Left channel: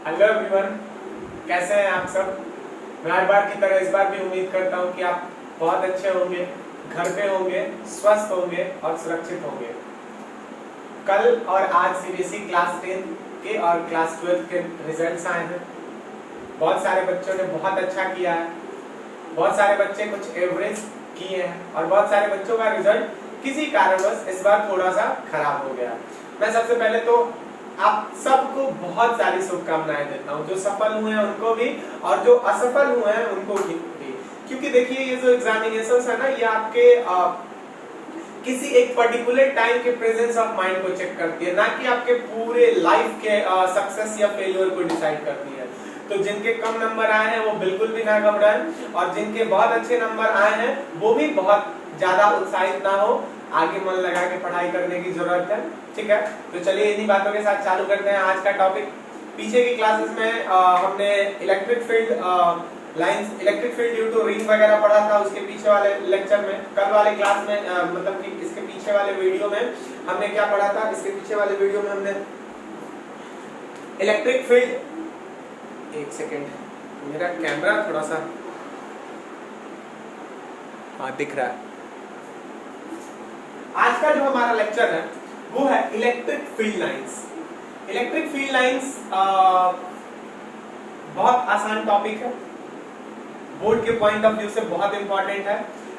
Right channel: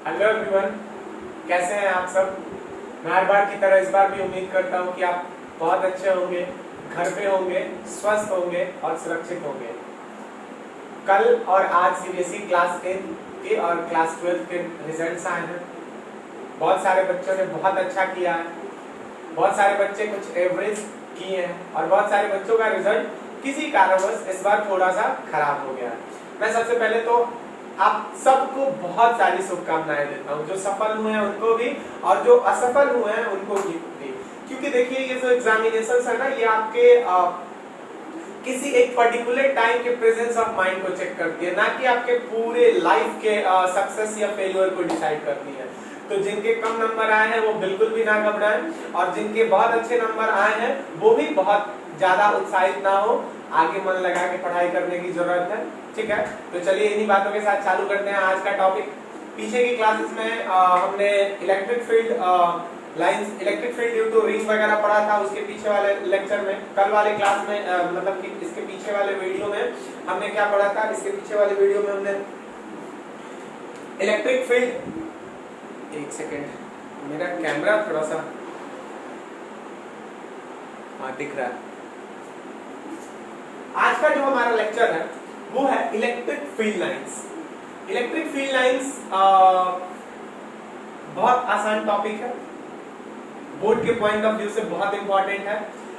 Hello everyone, कैसे हैं आप सब। मैं हर बार की तरह इस बार भी उम्मीद करता हूं कि आप बहुत अच्छे होंगे, घर पे होंगे, स्वस्थ होंगे और सुरक्षित होंगे। कल और आज सीबीएसई क्लास 10 के और क्लास 12 के रिजल्ट्स आए हैं। बहुत सारे बच्चों ने बहुत अच्छा किया है, बहुत सारे बच्चे कुछ एवरेज किए हैं और बहुत सारे बच्चों का रिजल्ट किसी कारणवश इस बार थोड़ा सा खराब हो गया। मैं सबसे पहले तो आप सबको बहुत सारी शुभकामनाएं देता हूं, जो सफल हुए हैं उनको भी और जो असफल हुए हैं उनको भी। क्योंकि देखिए ये जो एग्जामिनेशंस है ना, ये आपके किसी एक पर्टिकुलर टाइम के प्रेजेंस ऑफ माइंड को चेक करती है, ना कि आपके पूरे लाइफ के सक्सेस या फेलियर को डिसाइड करती है। तो जिनके कम नंबर आए हैं वो बिल्कुल भी ना घबराएं और जिनके बहुत अच्छे नंबर आए हैं वो भी बहुत ज्यादा उत्साहित ना हो। आगे मन लगा के पढ़ाई करने की जरूरत है, ठीक है। तो चलिए इन्हीं बातों के साथ चालू करते हैं आज का टॉपिक। पीछे की क्लासेस में हमने electric field due to ring वगैरह पढ़ा था। उसके पीछे वाले लेक्चर में, कल वाले क्लास में मतलब कि इसके पीछे वाले वीडियो में हमने क्या पढ़ा था। इसके पीछे वाले वीडियो में हमने इलेक्ट्रिक फील्ड, एक सेकेंड मेरा कैमरा थोड़ा सा दिख रहा है। आज का जो हमारा लेक्चर है वो है electric field lines. Electric field lines बहुत आसान टॉपिक है, बोर्ड के पॉइंट ऑफ व्यू से बहुत इंपॉर्टेंट है।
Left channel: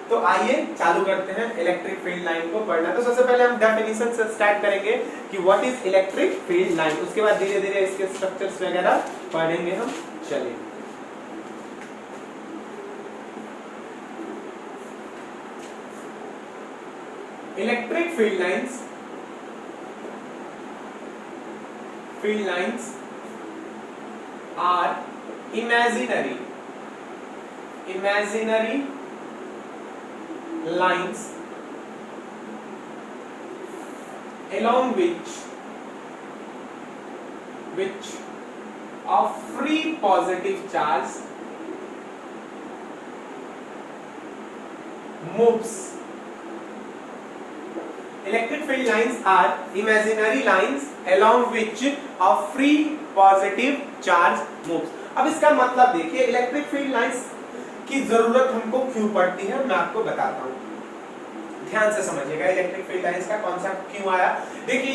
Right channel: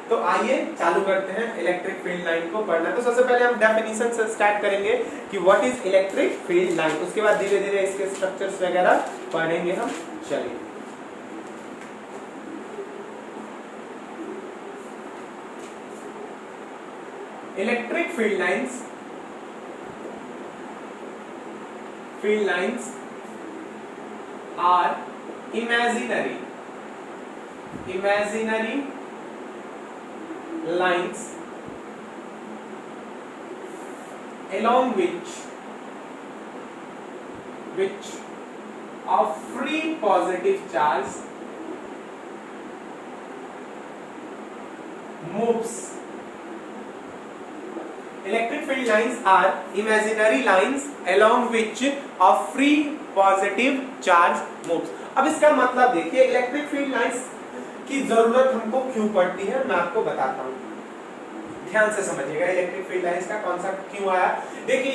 तो आइए चालू करते हैं इलेक्ट्रिक फील्ड लाइन को पढ़ना। तो सबसे पहले हम डेफिनेशन से स्टार्ट करेंगे कि what is electric field line. उसके बाद धीरे धीरे इसके स्ट्रक्चर्स वगैरह पढ़ेंगे हम। चलिए, electric field lines are imaginary lines along which a free positive charge moves. Electric field lines are imaginary lines along which a free positive charge moves. अब इसका मतलब देखिए, इलेक्ट्रिक फील्ड लाइंस की जरूरत हमको क्यों पड़ती है मैं आपको बताता हूँ। ध्यान से समझिएगा इलेक्ट्रिक फील्ड लाइंस का कॉन्सेप्ट क्यों आया। देखिए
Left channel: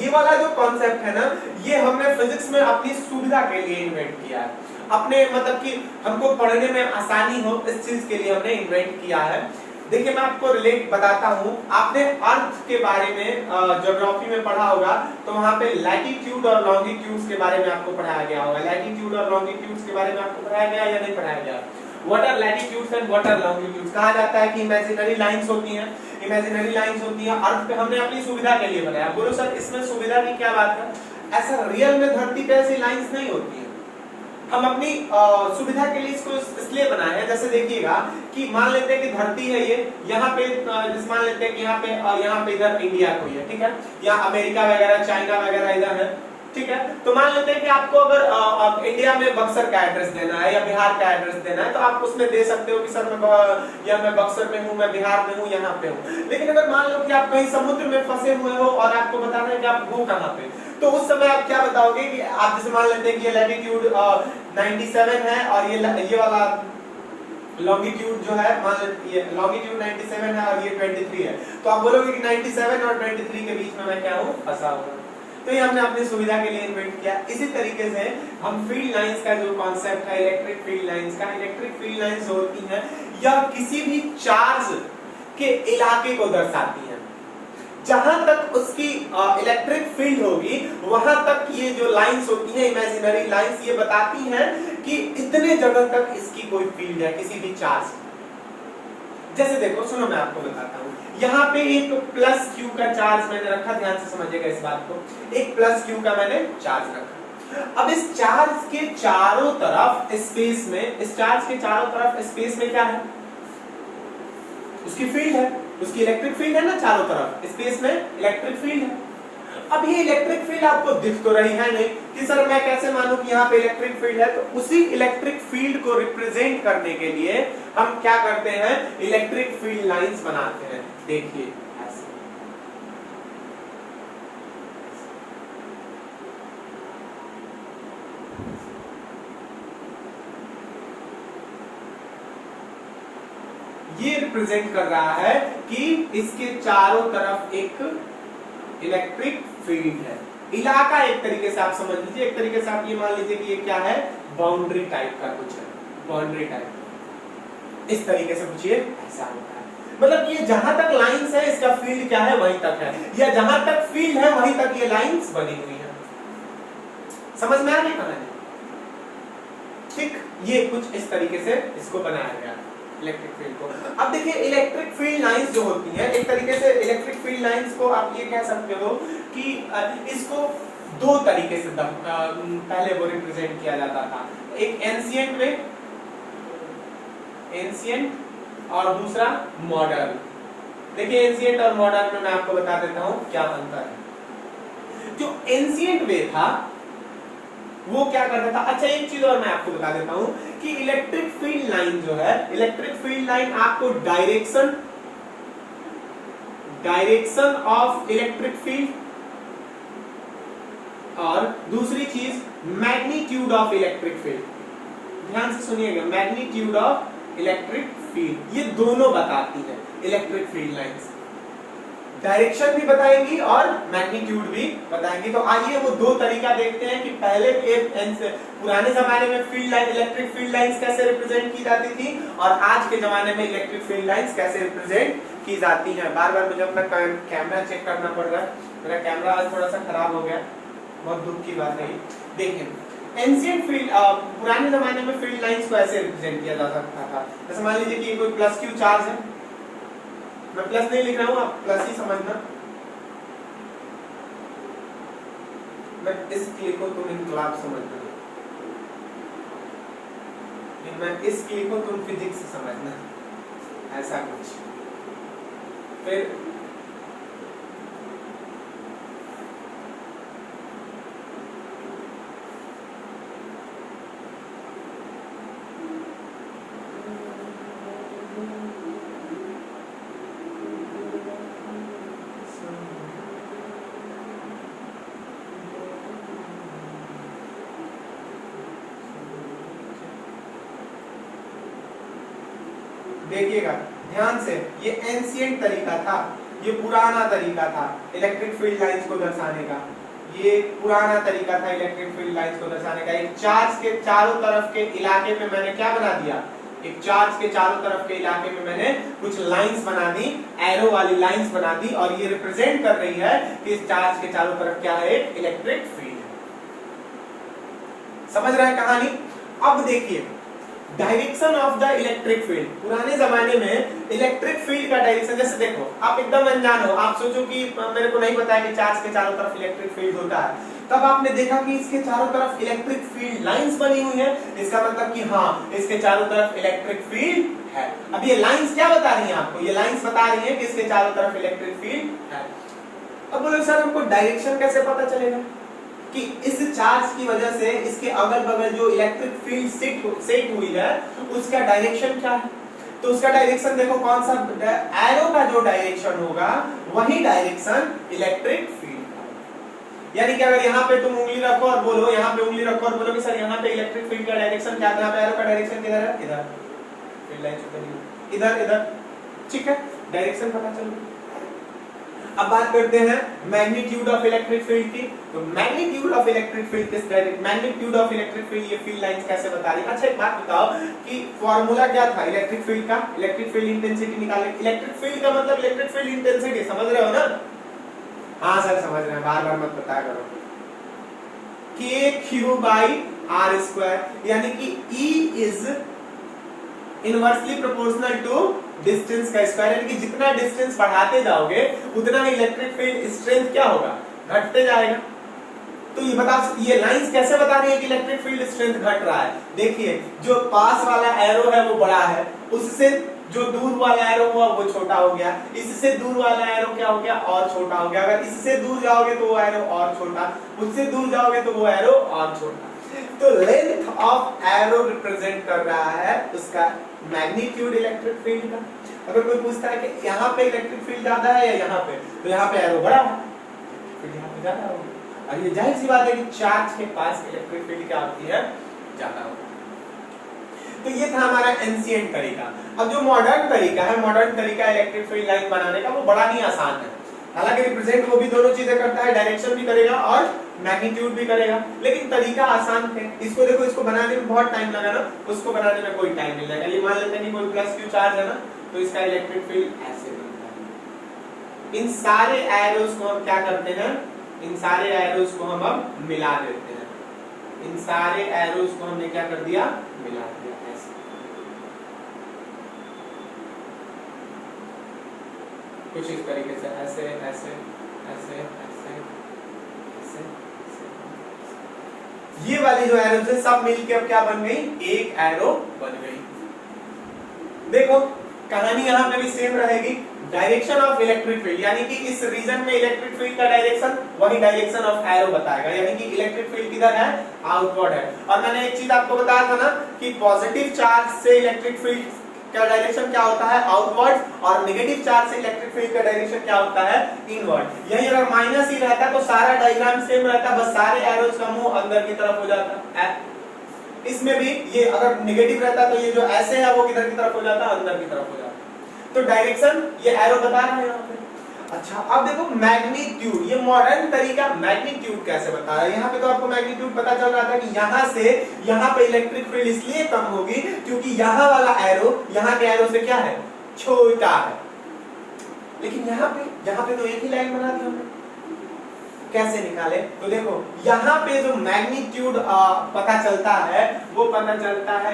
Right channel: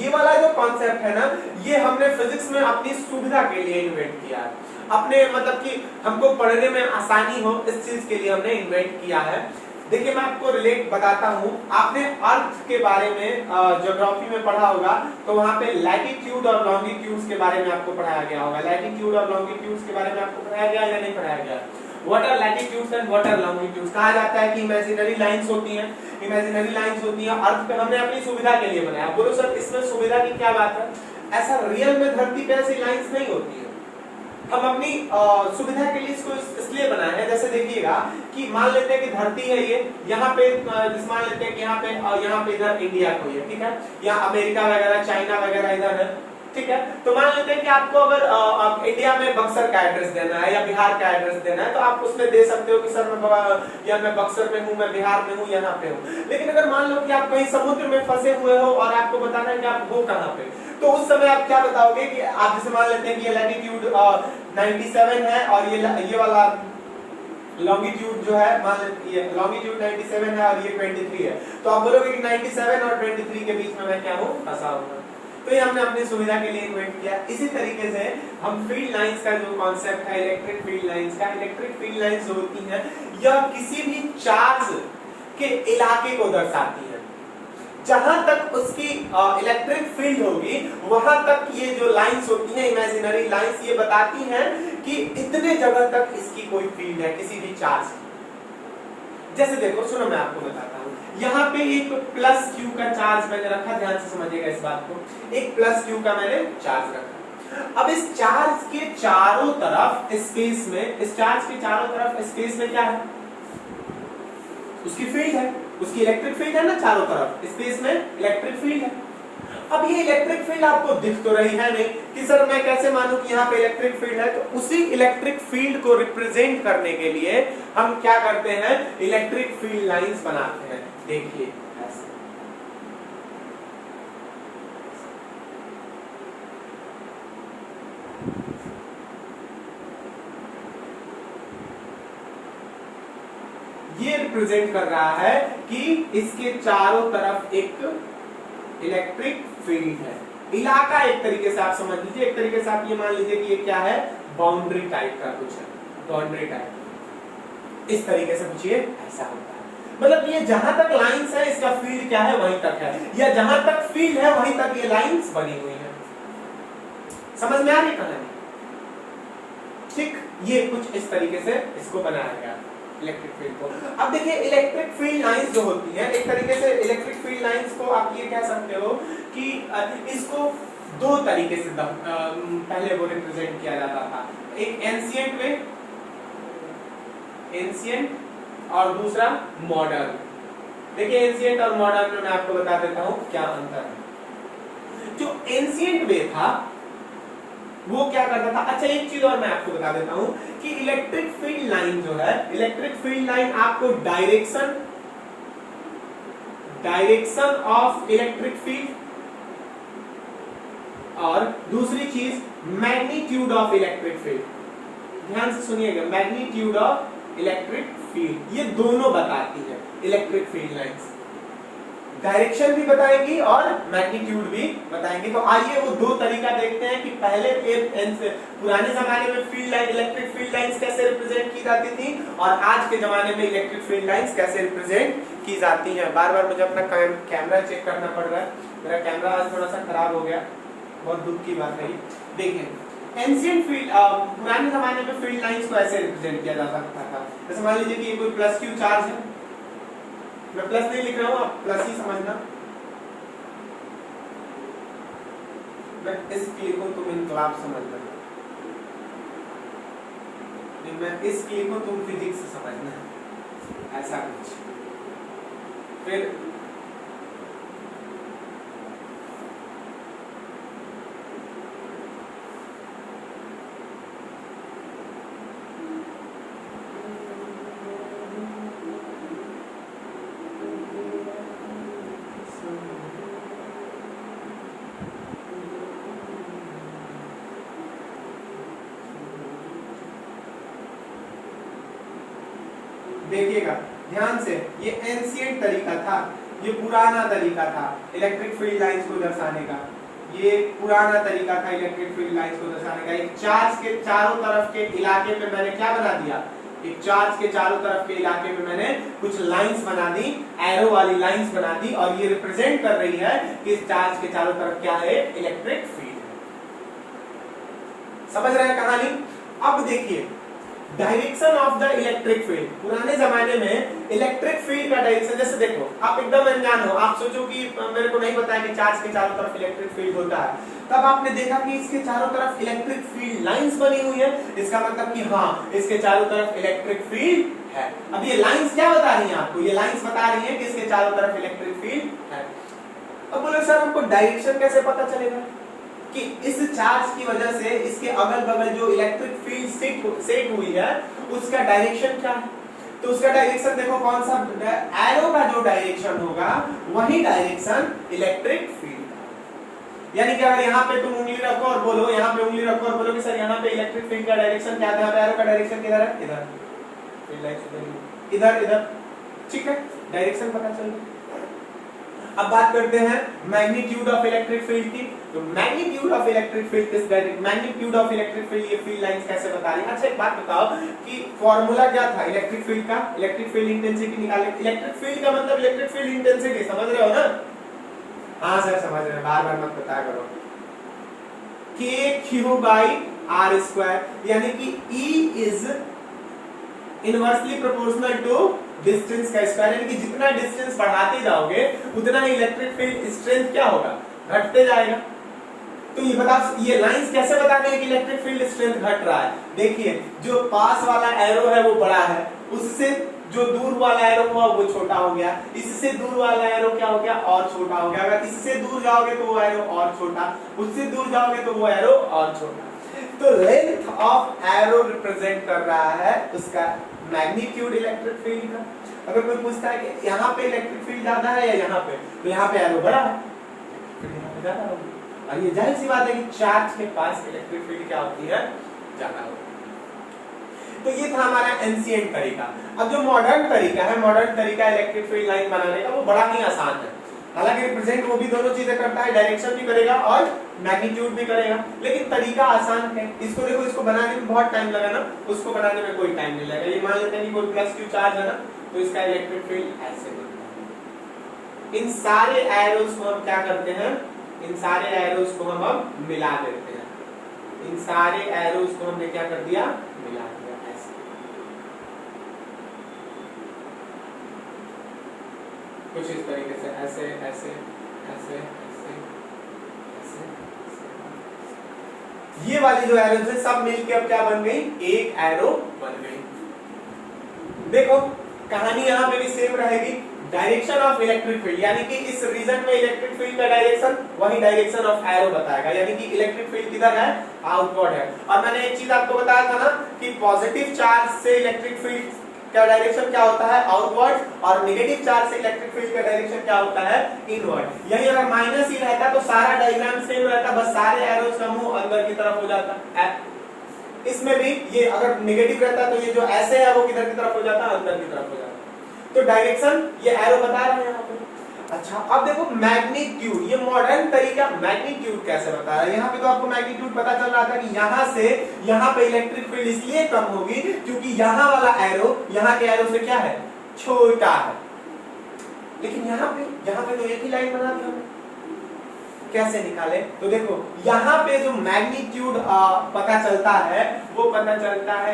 ये वाला जो कॉन्सेप्ट है ना, ये हमने फिजिक्स में अपनी सुविधा के लिए इन्वेंट किया है। अपने मतलब कि हमको पढ़ने में आसानी हो इस चीज के लिए हमने इन्वेंट किया है। देखिए मैं आपको रिलेट बताता हूँ। आपने अर्थ के बारे में ज्योग्राफी में पढ़ा होगा, तो वहां पे लैटिट्यूड और लॉन्गिट्यूड्स के बारे में आपको पढ़ाया गया होगा। लैटिट्यूड और लॉन्गिट्यूड्स के बारे में आपको पढ़ाया गया या नहीं पढ़ाया गया। What are latitudes and what are longitudes. कहा जाता है कि इमेजिनरी लाइंस होती हैं, अर्थ पे हमने अपनी सुविधा के लिए बनाया। बोलो सर इसमें सुविधा की क्या बात है। ऐसा रियल में धरती पे ऐसी लाइंस नहीं होती है, हम अपनी सुविधा के लिए इसको इसलिए बनाए हैं। जैसे देखिएगा कि मान लेते हैं कि धरती है ये, यहाँ पे मान लेते हैं कि यहाँ पे इधर इंडिया कोई है, ठीक है, या अमेरिका वगैरह चाइना वगैरह इधर है, ठीक है। तो मान लेते हैं कि आपको अगर इंडिया में बक्सर का एड्रेस देना है या बिहार का एड्रेस देना है, तो आप उसमें दे सकते हो कि सर मैं बक्सर में हूँ, मैं बिहार में हूँ, यहाँ पे हूँ। लेकिन अगर मान लो कि आप कहीं समुद्र में फंसे हुए हो और आपको बताना है कि आप हो कहाँ पे, तो उस समय आप क्या बताओगे कि आप जैसे मान लेते हैं कि ये लैटिट्यूड 97 है और ये वाला लॉन्गिट्यूड जो है, मान लेते ये लॉन्गिट्यूड 97 है और ये 23 है, तो आप बोलोगे कि 97 और 23 के बीच में मैं क्या हूँ, फंसा हूँ। तो ये हमने अपनी सुविधा के लिए इन्वेंट किया। इसी तरीके से हम फील्ड लाइंस का जो कॉन्सेप्ट है इलेक्ट्रिक फील्ड लाइंस जो होती हैं यह किसी भी चार्ज के इलाके को दर्शाती है। जहां तक उसकी इलेक्ट्रिक फील्ड होगी वहां तक ये जो लाइंस होती हैं इमेजिनरी लाइंस, ये बताती हैं कि इतने जगह तक इसकी कोई फील्ड है किसी भी चार्ज। जैसे देखो सुनो मैं आपको बताता हूँ, यहाँ पे एक प्लस क्यू का चार्ज मैंने रखा, ध्यान से समझिएगा इस बात को। एक प्लस क्यू का मैंने चार्ज रखा। अब इस चार्ज के चारों तरफ स्पेस में क्या है, उसकी फील्ड है, उसकी इलेक्ट्रिक फील्ड है ना, चारों तरफ स्पेस में इलेक्ट्रिक फील्ड है। अब ये इलेक्ट्रिक फील्ड आपको दिख तो रही है नहीं कि सर मैं कैसे मानूं कि यहाँ पे इलेक्ट्रिक फील्ड है। तो उसी इलेक्ट्रिक फील्ड को रिप्रेजेंट करने के लिए हम क्या करते हैं, इलेक्ट्रिक फील्ड लाइंस बनाते हैं। देखिए ऐसे रिप्रेजेंट कर रहा है कि इसके चारों तरफ एक इलेक्ट्रिक फील्ड है। इलाका एक तरीके से आप समझ लीजिए, एक तरीके से आप ये मान लीजिए कि ये क्या है, बाउंड्री टाइप का कुछ है, बाउंड्री टाइप इस तरीके से पूछिए, ऐसा होता है। मतलब ये जहां तक लाइंस है इसका फील्ड क्या है वहीं तक है, या जहां तक फील्ड है वहीं तक ये लाइंस बनी हुई है। समझ में आ रही कहानी? ठीक, ये कुछ इस तरीके से इसको बनाया गया इलेक्ट्रिक फील्ड को। अब देखिए इलेक्ट्रिक फील्ड लाइंस जो होती हैं, एक तरीके से इलेक्ट्रिक फील्ड लाइंस को आप ये कह सकते हो कि इसको दो तरीके से पहले वो रिप्रेजेंट किया जाता था। एक एंशिएंट में, एंशिएंट, और दूसरा मॉडर्न। देखिए एंशिएंट और मॉडर्न में मैं आपको बता देता हूं क्या अंतर है। जो एंशिएंट वे था वो क्या करता था, अच्छा एक चीज और मैं आपको बता देता हूं कि इलेक्ट्रिक फील्ड लाइन जो है, इलेक्ट्रिक फील्ड लाइन आपको डायरेक्शन ऑफ इलेक्ट्रिक फील्ड, और दूसरी चीज मैग्नीट्यूड ऑफ इलेक्ट्रिक फील्ड। ध्यान से सुनिएगा, मैग्नीट्यूड ऑफ इलेक्ट्रिक फील्ड, ये दोनों बताती है इलेक्ट्रिक फील्ड लाइंस। डायरेक्शन भी बताएंगी और मैग्नीट्यूड भी बताएंगी। तो आइए वो दो तरीका देखते हैं कि पहले पुराने जमाने में field line, electric field lines कैसे रिप्रेजेंट की जाती थी, और आज के जमाने में इलेक्ट्रिक फील्ड लाइंस कैसे रिप्रेजेंट की जाती हैं। बार बार मुझे अपना कैमरा चेक करना पड़ रहा है, मेरा कैमरा आज थोड़ा सा खराब हो गया, बहुत दुख की बात है। देखिए एंशिएंट फील्ड, पुराने जमाने में फील्ड लाइंस को ऐसे रिप्रेजेंट किया जा सकता था। जैसे मान लीजिए कि कोई प्लस क्यू चार्ज है, मैं प्लस नहीं लिख रहा हूं, आप प्लस ही समझना। मैं इस क्लिक को तुम इनकलाब समझना, मैं इस क्लिक को तुम फिजिक्स समझना, ऐसा कुछ। फिर देखिएगा ध्यान से, ये एंशिएंट तरीका था, ये पुराना तरीका था इलेक्ट्रिक फील्ड लाइंस को दर्शाने का। ये पुराना तरीका था इलेक्ट्रिक फील्ड लाइंस को दर्शाने का। एक चार्ज के चारों तरफ के इलाके पे मैंने क्या बना दिया, एक चार्ज के चारों तरफ के इलाके में मैंने कुछ लाइंस बना दी, एरो वाली लाइंस बना दी, और ये रिप्रेजेंट कर रही है कि इस चार्ज के चारों तरफ क्या है, इलेक्ट्रिक फील्ड है। समझ रहे हैं कहानी? अब देखिए direction of the electric field. पुराने जमाने में इलेक्ट्रिक फील्ड का डायरेक्शन, जैसे देखो आप एकदम अनजान हो, आप सोचो कि मेरे को नहीं पता है कि चार्ज के चारों तरफ इलेक्ट्रिक फील्ड होता है, तब आपने देखा कि इसके चारों तरफ इलेक्ट्रिक फील्ड लाइंस बनी हुई है, इसका मतलब कि हाँ इसके चारों तरफ इलेक्ट्रिक फील्ड है। अब ये लाइंस क्या बता रही है आपको, ये लाइंस बता रही है कि इसके चारों तरफ इलेक्ट्रिक फील्ड है। अब बोलो सर हमको डायरेक्शन कैसे पता चलेगा कि इस चार्ज की वजह से इसके अगल बगल जो इलेक्ट्रिक फील्ड सेट हुई है उसका डायरेक्शन क्या है? तो उसका डायरेक्शन देखो कौन सा, एरो का जो डायरेक्शन होगा वही डायरेक्शन इलेक्ट्रिक फील्ड का। यानी कि अगर यहाँ पे तुम उंगली रखो और बोलो, यहाँ पे उंगली रखो और बोलो कि सर यहाँ पे इलेक्ट्रिक फील्ड का डायरेक्शन क्या है, यहाँ पे एरो का डायरेक्शन किधर है, इधर, फील्ड लाइन इधर इधर, ठीक है, डायरेक्शन पता चल गया। अब बात करते हैं मैग्नीट्यूड ऑफ इलेक्ट्रिक फील्ड की। तो मैग्नीट्यूड ऑफ इलेक्ट्रिक फील्ड किस direct, magnitude of electric field ये फील्ड लाइंस कैसे बता रही है? अच्छा एक बात बताओ कि फॉर्मूला क्या था इलेक्ट्रिक फील्ड का, इलेक्ट्रिक फील्ड इंटेंसिटी निकाले। इलेक्ट्रिक फील्ड का मतलब इलेक्ट्रिक फील्ड इंटेंसिटी, समझ रहे हो ना? हाँ सर समझ रहे हैं, बार बार मत बताया करो। K/r², यानी कि E is inversely proportional to distance का स्क्वायर, यानी कि जितना डिस्टेंस बढ़ाते जाओगे उतना ही इलेक्ट्रिक फील्ड स्ट्रेंथ क्या होगा, घटते जाएगा। तो ये बता, ये लाइंस कैसे बता रही है कि इलेक्ट्रिक फील्ड स्ट्रेंथ घट रहा है? देखिए जो पास वाला एरो है वो बड़ा है, उससे जो दूर वाला एरो हुआ वो छोटा हो गया, इससे दूर वाला एरो क्या हो गया, और छोटा हो गया। अगर इससे दूर जाओगे तो वो एरो और छोटा, उससे दूर जाओगे तो वो एरो और छोटा। तो लेंथ ऑफ एरो रिप्रेजेंट कर रहा है उसका मैग्नीट्यूड इलेक्ट्रिक फील्ड का। अगर कोई पूछता है कि यहाँ पे इलेक्ट्रिक फील्ड ज्यादा है या यहाँ पे, तो यहाँ पे एरो बड़ा है, फिर यहाँ पे ज्यादा होगा। और ये जाहिर सी बात है कि चार्ज के पास इलेक्ट्रिक फील्ड क्या होती है, ज्यादा होती है। तो ये था हमारा एंशिएंट तरीका। अब जो मॉडर्न तरीका है, मॉडर्न तरीका इलेक्ट्रिक फील्ड लाइन बनाने का, वो बड़ा ही आसान है। हालांकि रिप्रेजेंट वो भी दोनों चीजें करता है, डायरेक्शन भी करेगा और मैग्नीट्यूड भी करेगा, लेकिन तरीका आसान है। इसको देखो, इसको बनाने में बहुत टाइम लगा ना, उसको बनाने में कोई टाइम नहीं लगेगा। ये मान लेते हैं कि कोई प्लस क्यू चार्ज है ना, तो इसका इलेक्ट्रिक फील्ड ऐसे बनता है। इन सारे एरोस को हम क्या करते हैं, इन सारे एरोस को हम अब मिला देते हैं। इन सारे एरोस को हमने क्या कर दिया, मिला दिया ऐसे। कुछ इस तरीके से, ऐसे ऐसे ऐसे ऐसे ऐसे, ये वाली जो एरोस है सब मिलके अब क्या बन गई, एक एरो बन गई। देखो कहानी यहाँ पे भी सेम रहेगी। डायरेक्शन ऑफ इलेक्ट्रिक फील्ड, यानी कि इस रीजन में इलेक्ट्रिक फील्ड का डायरेक्शन वही डायरेक्शन ऑफ एरो बताएगा, यानी कि इलेक्ट्रिक फील्ड किधर है, आउटवर्ड है। और मैंने एक चीज आपको बताया था ना कि पॉजिटिव चार्ज से इलेक्ट्रिक फील्ड का डायरेक्शन क्या होता है, आउटवर्ड, और नेगेटिव चार्ज से इलेक्ट्रिक फील्ड का डायरेक्शन क्या होता है, इनवर्ड। यही अगर माइनस ही रहता तो सारा डायग्राम सेम रहता, बस सारे एरोस का मुंह अंदर की तरफ हो जाता। इसमें भी ये अगर नेगेटिव रहता तो ये जो ऐसे है वो किधर की तरफ हो जाता, अंदर की तरफ हो जाता। तो डायरेक्शन ये एरो बता रहा है यहाँ पे। अच्छा अब देखो मैग्नीट्यूड, ये मॉडर्न तरीका मैग्नीट्यूड कैसे बता रहा है। यहाँ पे तो आपको मैग्नीट्यूड पता चल रहा था कि यहाँ से यहाँ पे इलेक्ट्रिक फील्ड इसलिए कम होगी क्योंकि यहाँ वाला एरो यहाँ के एरो से क्या है, छोटा है। लेकिन यहाँ पे तो एक ही लाइन बना दी हमने, कैसे निकाले, तो देखो यहाँ पे जो मैग्नीट्यूड पता चलता है वो पता चलता है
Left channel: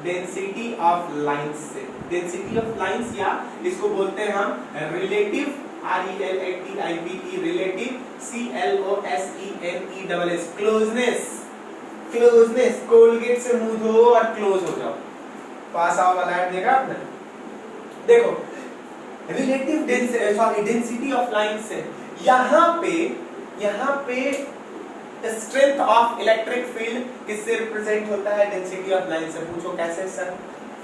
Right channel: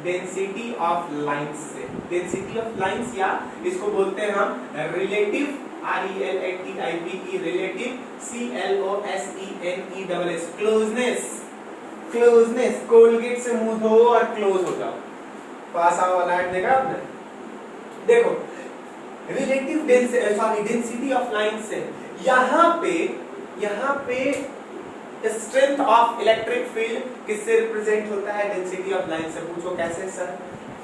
डेंसिटी ऑफ लाइंस से। डेंसिटी ऑफ लाइंस, या इसको बोलते हैं हम relative, RELATIV, relative, CLOSENESS, closeness. Colgate से मुंह धो और क्लोज हो जाओ, पास आओ वाला ऐड देखा आपने। देखो रिलेटिव डेंसिटी ऑफ लाइन से यहाँ पे स्ट्रेंथ ऑफ इलेक्ट्रिक फील्ड किससे रिप्रेजेंट होता है, डेंसिटी ऑफ लाइन से। पूछो कैसे सर,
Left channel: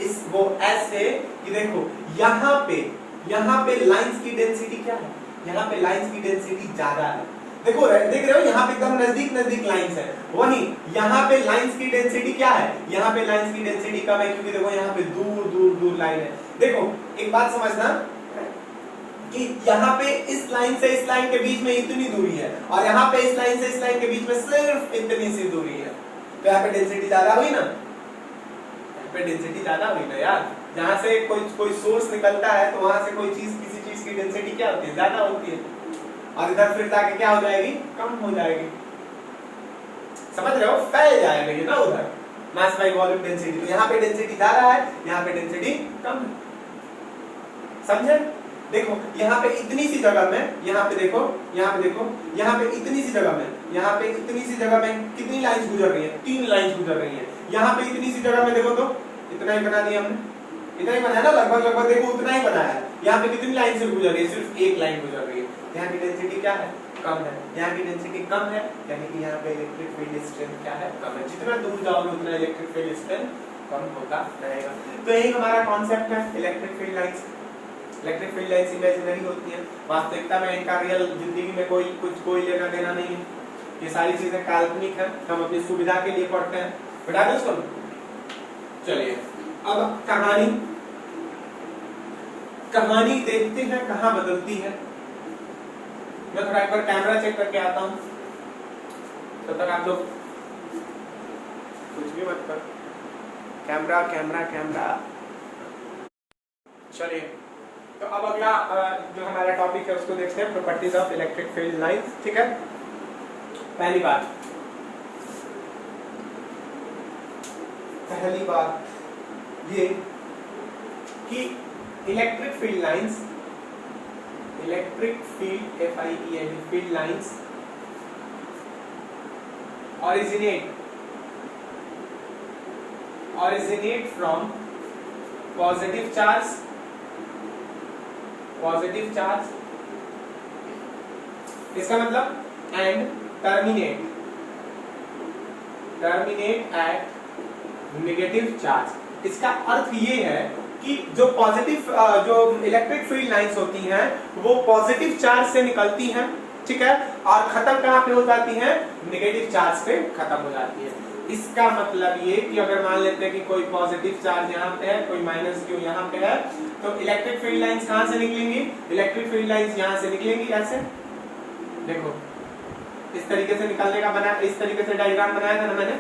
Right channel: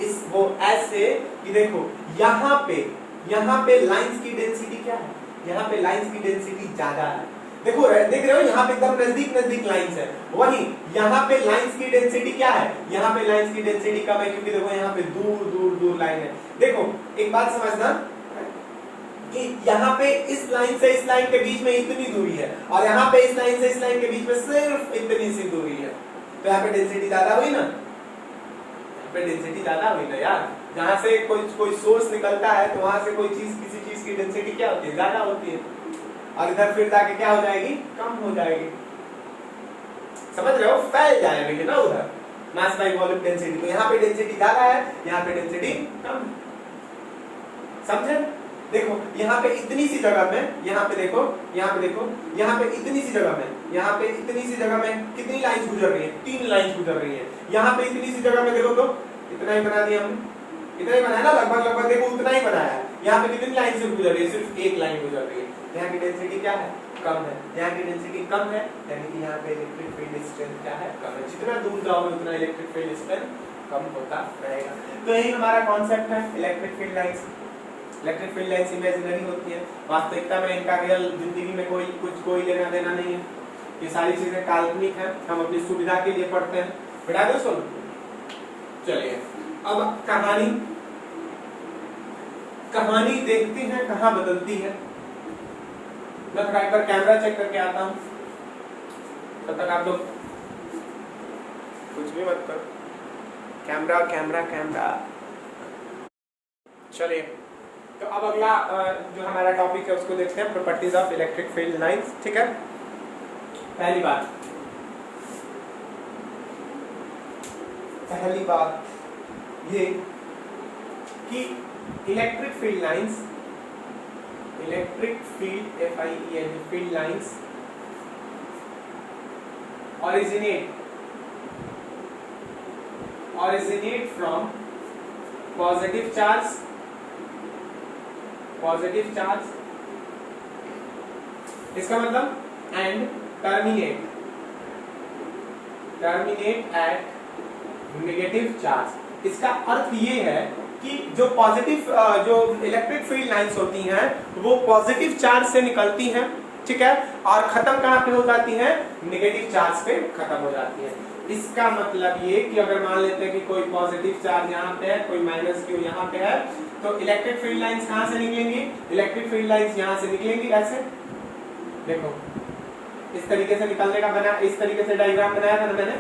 इस वो ऐसे कि देखो यहाँ पे लाइंस की डेंसिटी क्या है, यहाँ पे लाइंस की डेंसिटी ज्यादा है। देखो देख रहे हो यहाँ पे एकदम नजदीक लाइंस है, वहीं यहाँ पे लाइंस की डेंसिटी क्या है, यहाँ पे लाइंस की डेंसिटी कम है क्योंकि देखो यहाँ पे दूर लाइन है। देखो एक बात समझना कि यहाँ पे इस लाइन से इस लाइन के बीच में इतनी दूरी है और यहाँ पे इस लाइन से इस लाइन के बीच में सिर्फ इतनी सी दूरी है, तो यहाँ पे डेंसिटी ज्यादा हुई ना, यहाँ पे डेंसिटी ज्यादा हुई ना यार। जहां से कोई सोर्स निकलता है तो वहां से किसी चीज की डेंसिटी क्या होती है, ज्यादा होती है, और इधर फिर जाके क्या हो जाएगी, कम हो जाएगी। समझ रहे हो, फैल जाएगा ये ना उधर, मास बाय वॉल्यूम डेंसिटी। तो यहाँ पे डेंसिटी ज्यादा है, यहाँ पे डेंसिटी कम है, समझे। देखो यहाँ पे इतनी सी जगह में, यहाँ पे देखो यहाँ पे इतनी सी जगह में कितनी लाइंस गुजर रही है, 3 लाइंस गुजर रही है। यहाँ पे इतनी सी जगह में देखो तो इतना ही बना दिया हमने, इतना ही बनाया ना, लगभग देखो उतना ही बनाया है। यहाँ पे कितनी लाइन से गुजर रही है, सिर्फ एक लाइन गुजर रही है। यहाँ की डेंसिटी क्या है, कम है। यहाँ की डेंसिटी कम है, यानी कि यहाँ पे इलेक्ट्रिक फील्ड स्ट्रेंथ क्या है, कम है। जितना दूर जाओगे उतना इलेक्ट्रिक फील्ड स्ट्रेंथ कम होता रहेगा। तो यही हमारा कॉन्सेप्ट है electric field lines. Electric field lines imaginary होती है, वास्तविकता में इनका रियल जिंदगी में कोई लेना देना नहीं है। ये सारी चीजें काल्पनिक है, हम अपनी सुविधा के लिए पढ़ते हैं। बेटा दो सुनो, चलिए अब कहानी देखते हैं कहाँ बदलती है। मैं थोड़ा एक बार कैमरा चेक करके आता हूँ, तब तक आप लोग कुछ भी मत करो। कैमरा। चलिए तो अब अगला जो हमारा टॉपिक है उसको देखते हैं, properties of electric field lines. ठीक है, पहली बात ये कि electric field lines, field lines originate from positive charge इसका मतलब and terminate at negative charge. इसका अर्थ ये है कि जो पॉजिटिव जो इलेक्ट्रिक फील्ड लाइंस होती हैं वो पॉजिटिव चार्ज से निकलती हैं, ठीक है, और खत्म कहाँ पे हो जाती हैं, नेगेटिव चार्ज पे खत्म हो जाती है। इसका मतलब ये कि अगर मान लेते हैं कि कोई पॉजिटिव चार्ज यहाँ पे है, कोई माइनस क्यू यहाँ पे है, तो इलेक्ट्रिक फील्ड लाइंस कहाँ से निकलेंगी? इलेक्ट्रिक फील्ड लाइंस यहाँ से निकलेंगी। ऐसे देखो, इस तरीके से निकलने का बना, इस तरीके से डायग्राम बनाया था ना मैंने,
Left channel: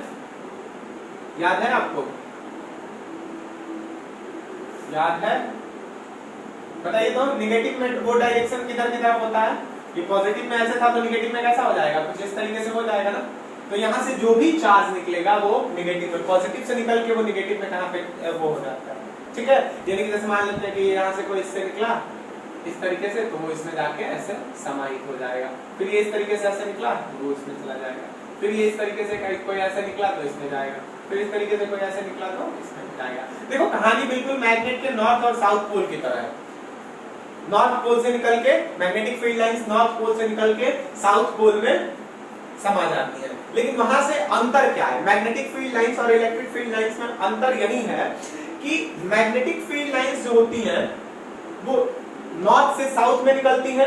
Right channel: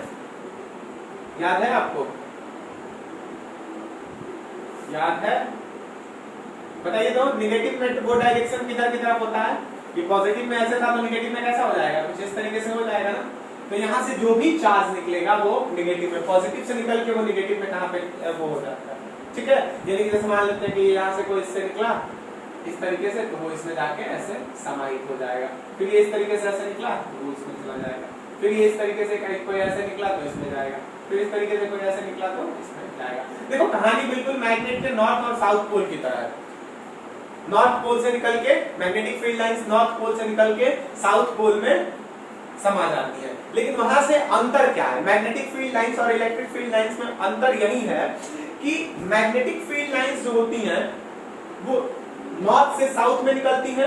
याद है आपको? याद है? बताइए तो, निगेटिव में वो डायरेक्शन किधर की तरफ होता है? ये पॉजिटिव में ऐसे था तो निगेटिव में कैसा हो जाएगा? कुछ इस तरीके से हो जाएगा ना। तो यहाँ से जो भी चार्ज निकलेगा वो निगेटिव में, पॉजिटिव से निकल के वो निगेटिव में कहाँ पे वो हो जाता है, ठीक है। यानी कि जैसे मान लेते हैं कि यहाँ से कोई इससे निकला इस तरीके से, तो वो इसमें जाके ऐसे समाहित हो जाएगा। फिर ये इस तरीके से ऐसे निकला तो वो इसमें चला जाएगा। फिर ये इस तरीके से कोई ऐसे निकला तो इसमें जाएगा। फिर इस तरीके से कोई ऐसे निकला तो इसमें जाएगा। देखो कहानी बिल्कुल मैग्नेट के नॉर्थ और साउथ पोल की तरह है। नॉर्थ पोल से निकल के magnetic field lines north pole से निकल के साउथ पोल में समा जाती है। लेकिन वहां से अंतर क्या है? मैग्नेटिक फील्ड लाइंस और इलेक्ट्रिक फील्ड लाइंस में अंतर यही है कि मैग्नेटिक फील्ड लाइंस जो होती हैं वो नॉर्थ से साउथ में निकलती है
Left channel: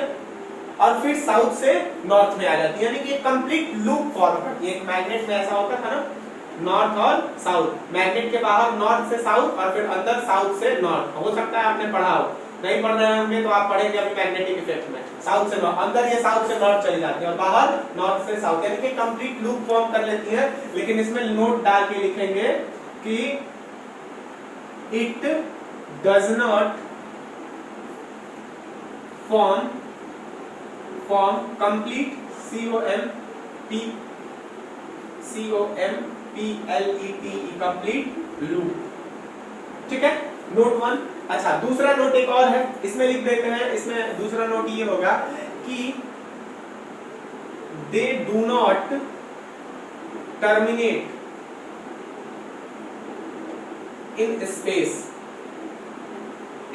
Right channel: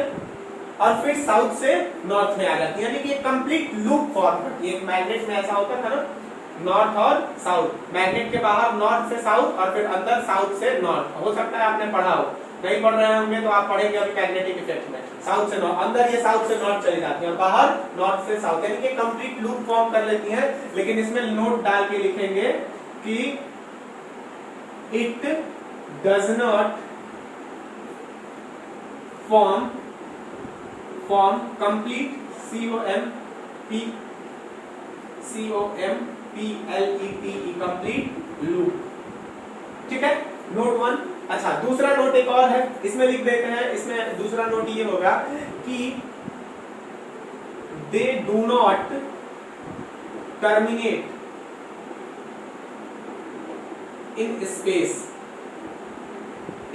और फिर साउथ से नॉर्थ में आ जाती है, यानी कि एक कंप्लीट लूप फॉर्म करती है। एक मैग्नेट में ऐसा होता है ना, नॉर्थ और साउथ, मैग्नेट के बाहर नॉर्थ से साउथ और फिर अंदर साउथ से नॉर्थ। हो सकता है आपने पढ़ा हो, नहीं पढ़ रहे होंगे तो आप पढ़ेंगे अभी मैग्नेटिक इफेक्ट में। साउथ से नॉर्थ, अंदर ये साउथ से नॉर्थ चली जाती है और बाहर नॉर्थ से साउथ, यानी कि कंप्लीट लूप फॉर्म कर लेती है। लेकिन इसमें नोट डाल के लिखेंगे कि it does not form complete COMPLETE complete loop, ठीक है। नोट 1। अच्छा, दूसरा नोट एक और है, इसमें लिख देते हैं। इसमें दूसरा नोट ये होगा कि they do not terminate in space.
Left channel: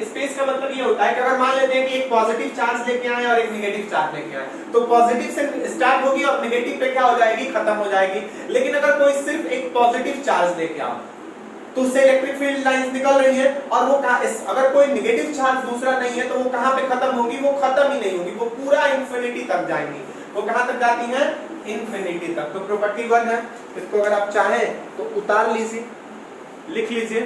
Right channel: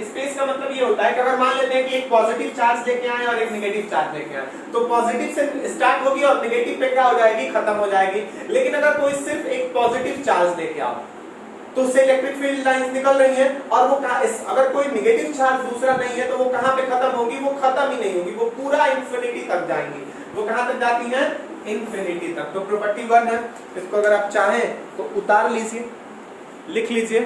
Space का मतलब ये होता है कि अगर मान लेते हैं कि एक पॉजिटिव चार्ज लेके आए और एक नेगेटिव चार्ज लेके आए, तो पॉजिटिव से स्टार्ट होगी और नेगेटिव पे क्या हो जाएगी? खत्म हो जाएगी। लेकिन अगर कोई सिर्फ एक पॉजिटिव चार्ज लेके आओ तो उससे इलेक्ट्रिक फील्ड लाइंस निकल रही है और वो अगर कोई नेगेटिव चार्ज दूसरा नहीं है तो वो कहां पे खत्म होगी? वो खत्म ही नहीं होगी, वो पूरा इंफिनिटी तक जाएंगी। वो कहां तक जाती हैं? इंफिनिटी तक। तो प्रॉपर्टी 1 है, इसको अगर आप चाहें तो उतार लीजिए, लिख लीजिए।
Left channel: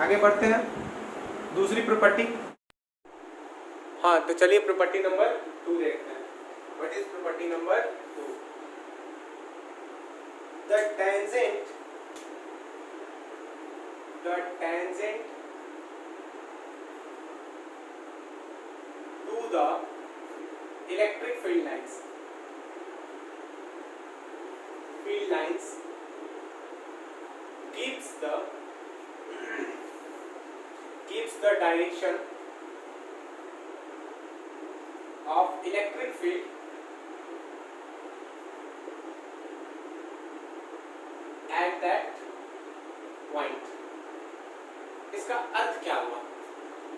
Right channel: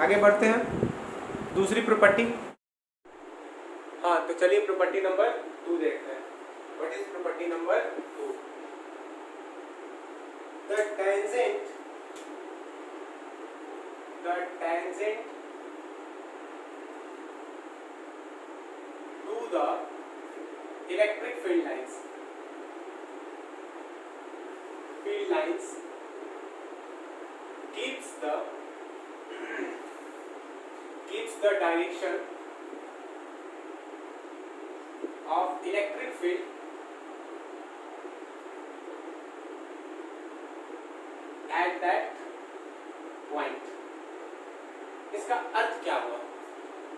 आगे बढ़ते हैं, दूसरी प्रॉपर्टी। हाँ, तो चलिए प्रॉपर्टी नंबर 2 देखते हैं। What is property number 2? The tangent to the electric field lines keeps the direction of electric field at that point। इसका अर्थ क्या हुआ?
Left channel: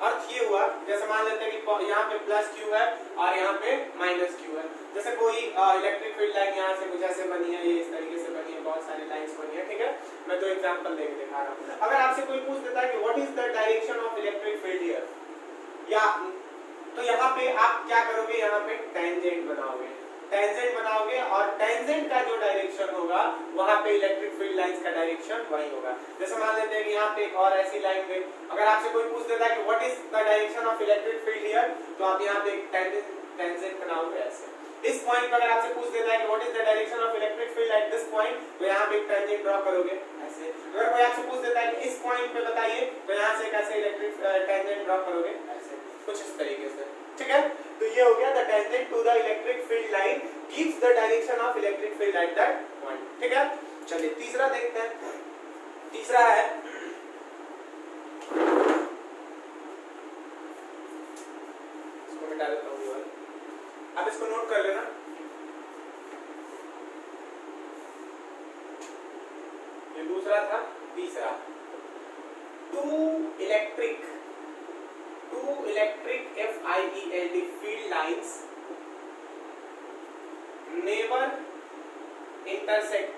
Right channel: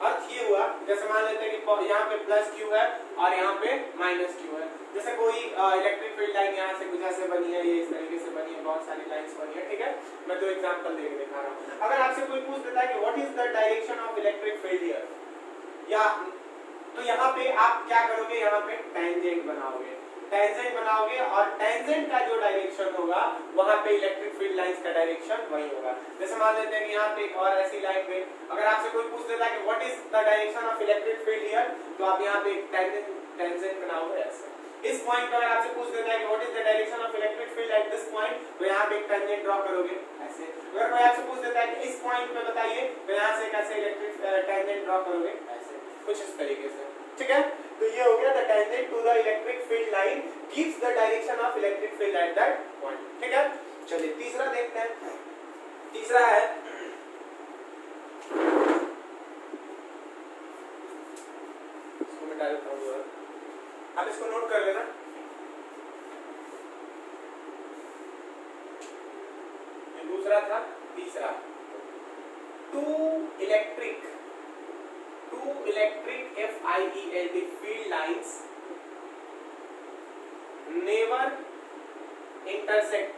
अर्थ ये हुआ, जैसे मान लेते हैं कि यहाँ पे प्लस क्यू है और यहाँ पे माइनस क्यू है। जैसे कोई इलेक्ट्रिक फील्ड लाइन यहाँ से कुछ ऐसे बनी है, ये इस तरीके से बनी है, बहुत सारी लाइंस बनी है, ठीक है। मैं दो एग्जांपल लेके दिखा रहा हूँ। अगर आपसे कोई पूछ देता है कि what is the direction of electric field here, या तो यहाँ पे आप क्या करोगे? यहाँ पे टेंजेंट बनाओगे, और टेंजेंट का जो डायरेक्शन होगा वहां पे इलेक्ट्रिक फील्ड लाइंस का डायरेक्शन वही होगा। जैसे मान लेते हैं कि यहाँ पे एक और ऐसी लाइन पे अगर आपसे कोई पूछ देता है कि what is the direction of electric field here, तो आप यहाँ पे एक टेंजेंट बनाओगे ऐसे। इस पॉइंट पर अगर आपसे पूछ देता है कि what is the direction of electric field at this point, तो यहाँ पे एक टेंजेंट ड्रॉ करोगे ऐसे। अगर कोई आपसे पूछ देता है कि इस पॉइंट पे बताइए, तो यहाँ से कैसे इलेक्ट्रिक टेंजेंट ड्रॉ करोगे ऐसे, कुछ इस तरीके से, ठीक है। तो ये हो गया the tangent to the electric field line gives the direction of electric field at that point, ठीक है। चलिए तीसरा देखते हैं। तीसरा है इसको मिटा देता हूं, आप इसको नोट कर लेना। ये दूसरा था। तीसरा, two electric FIELD field lines never intersect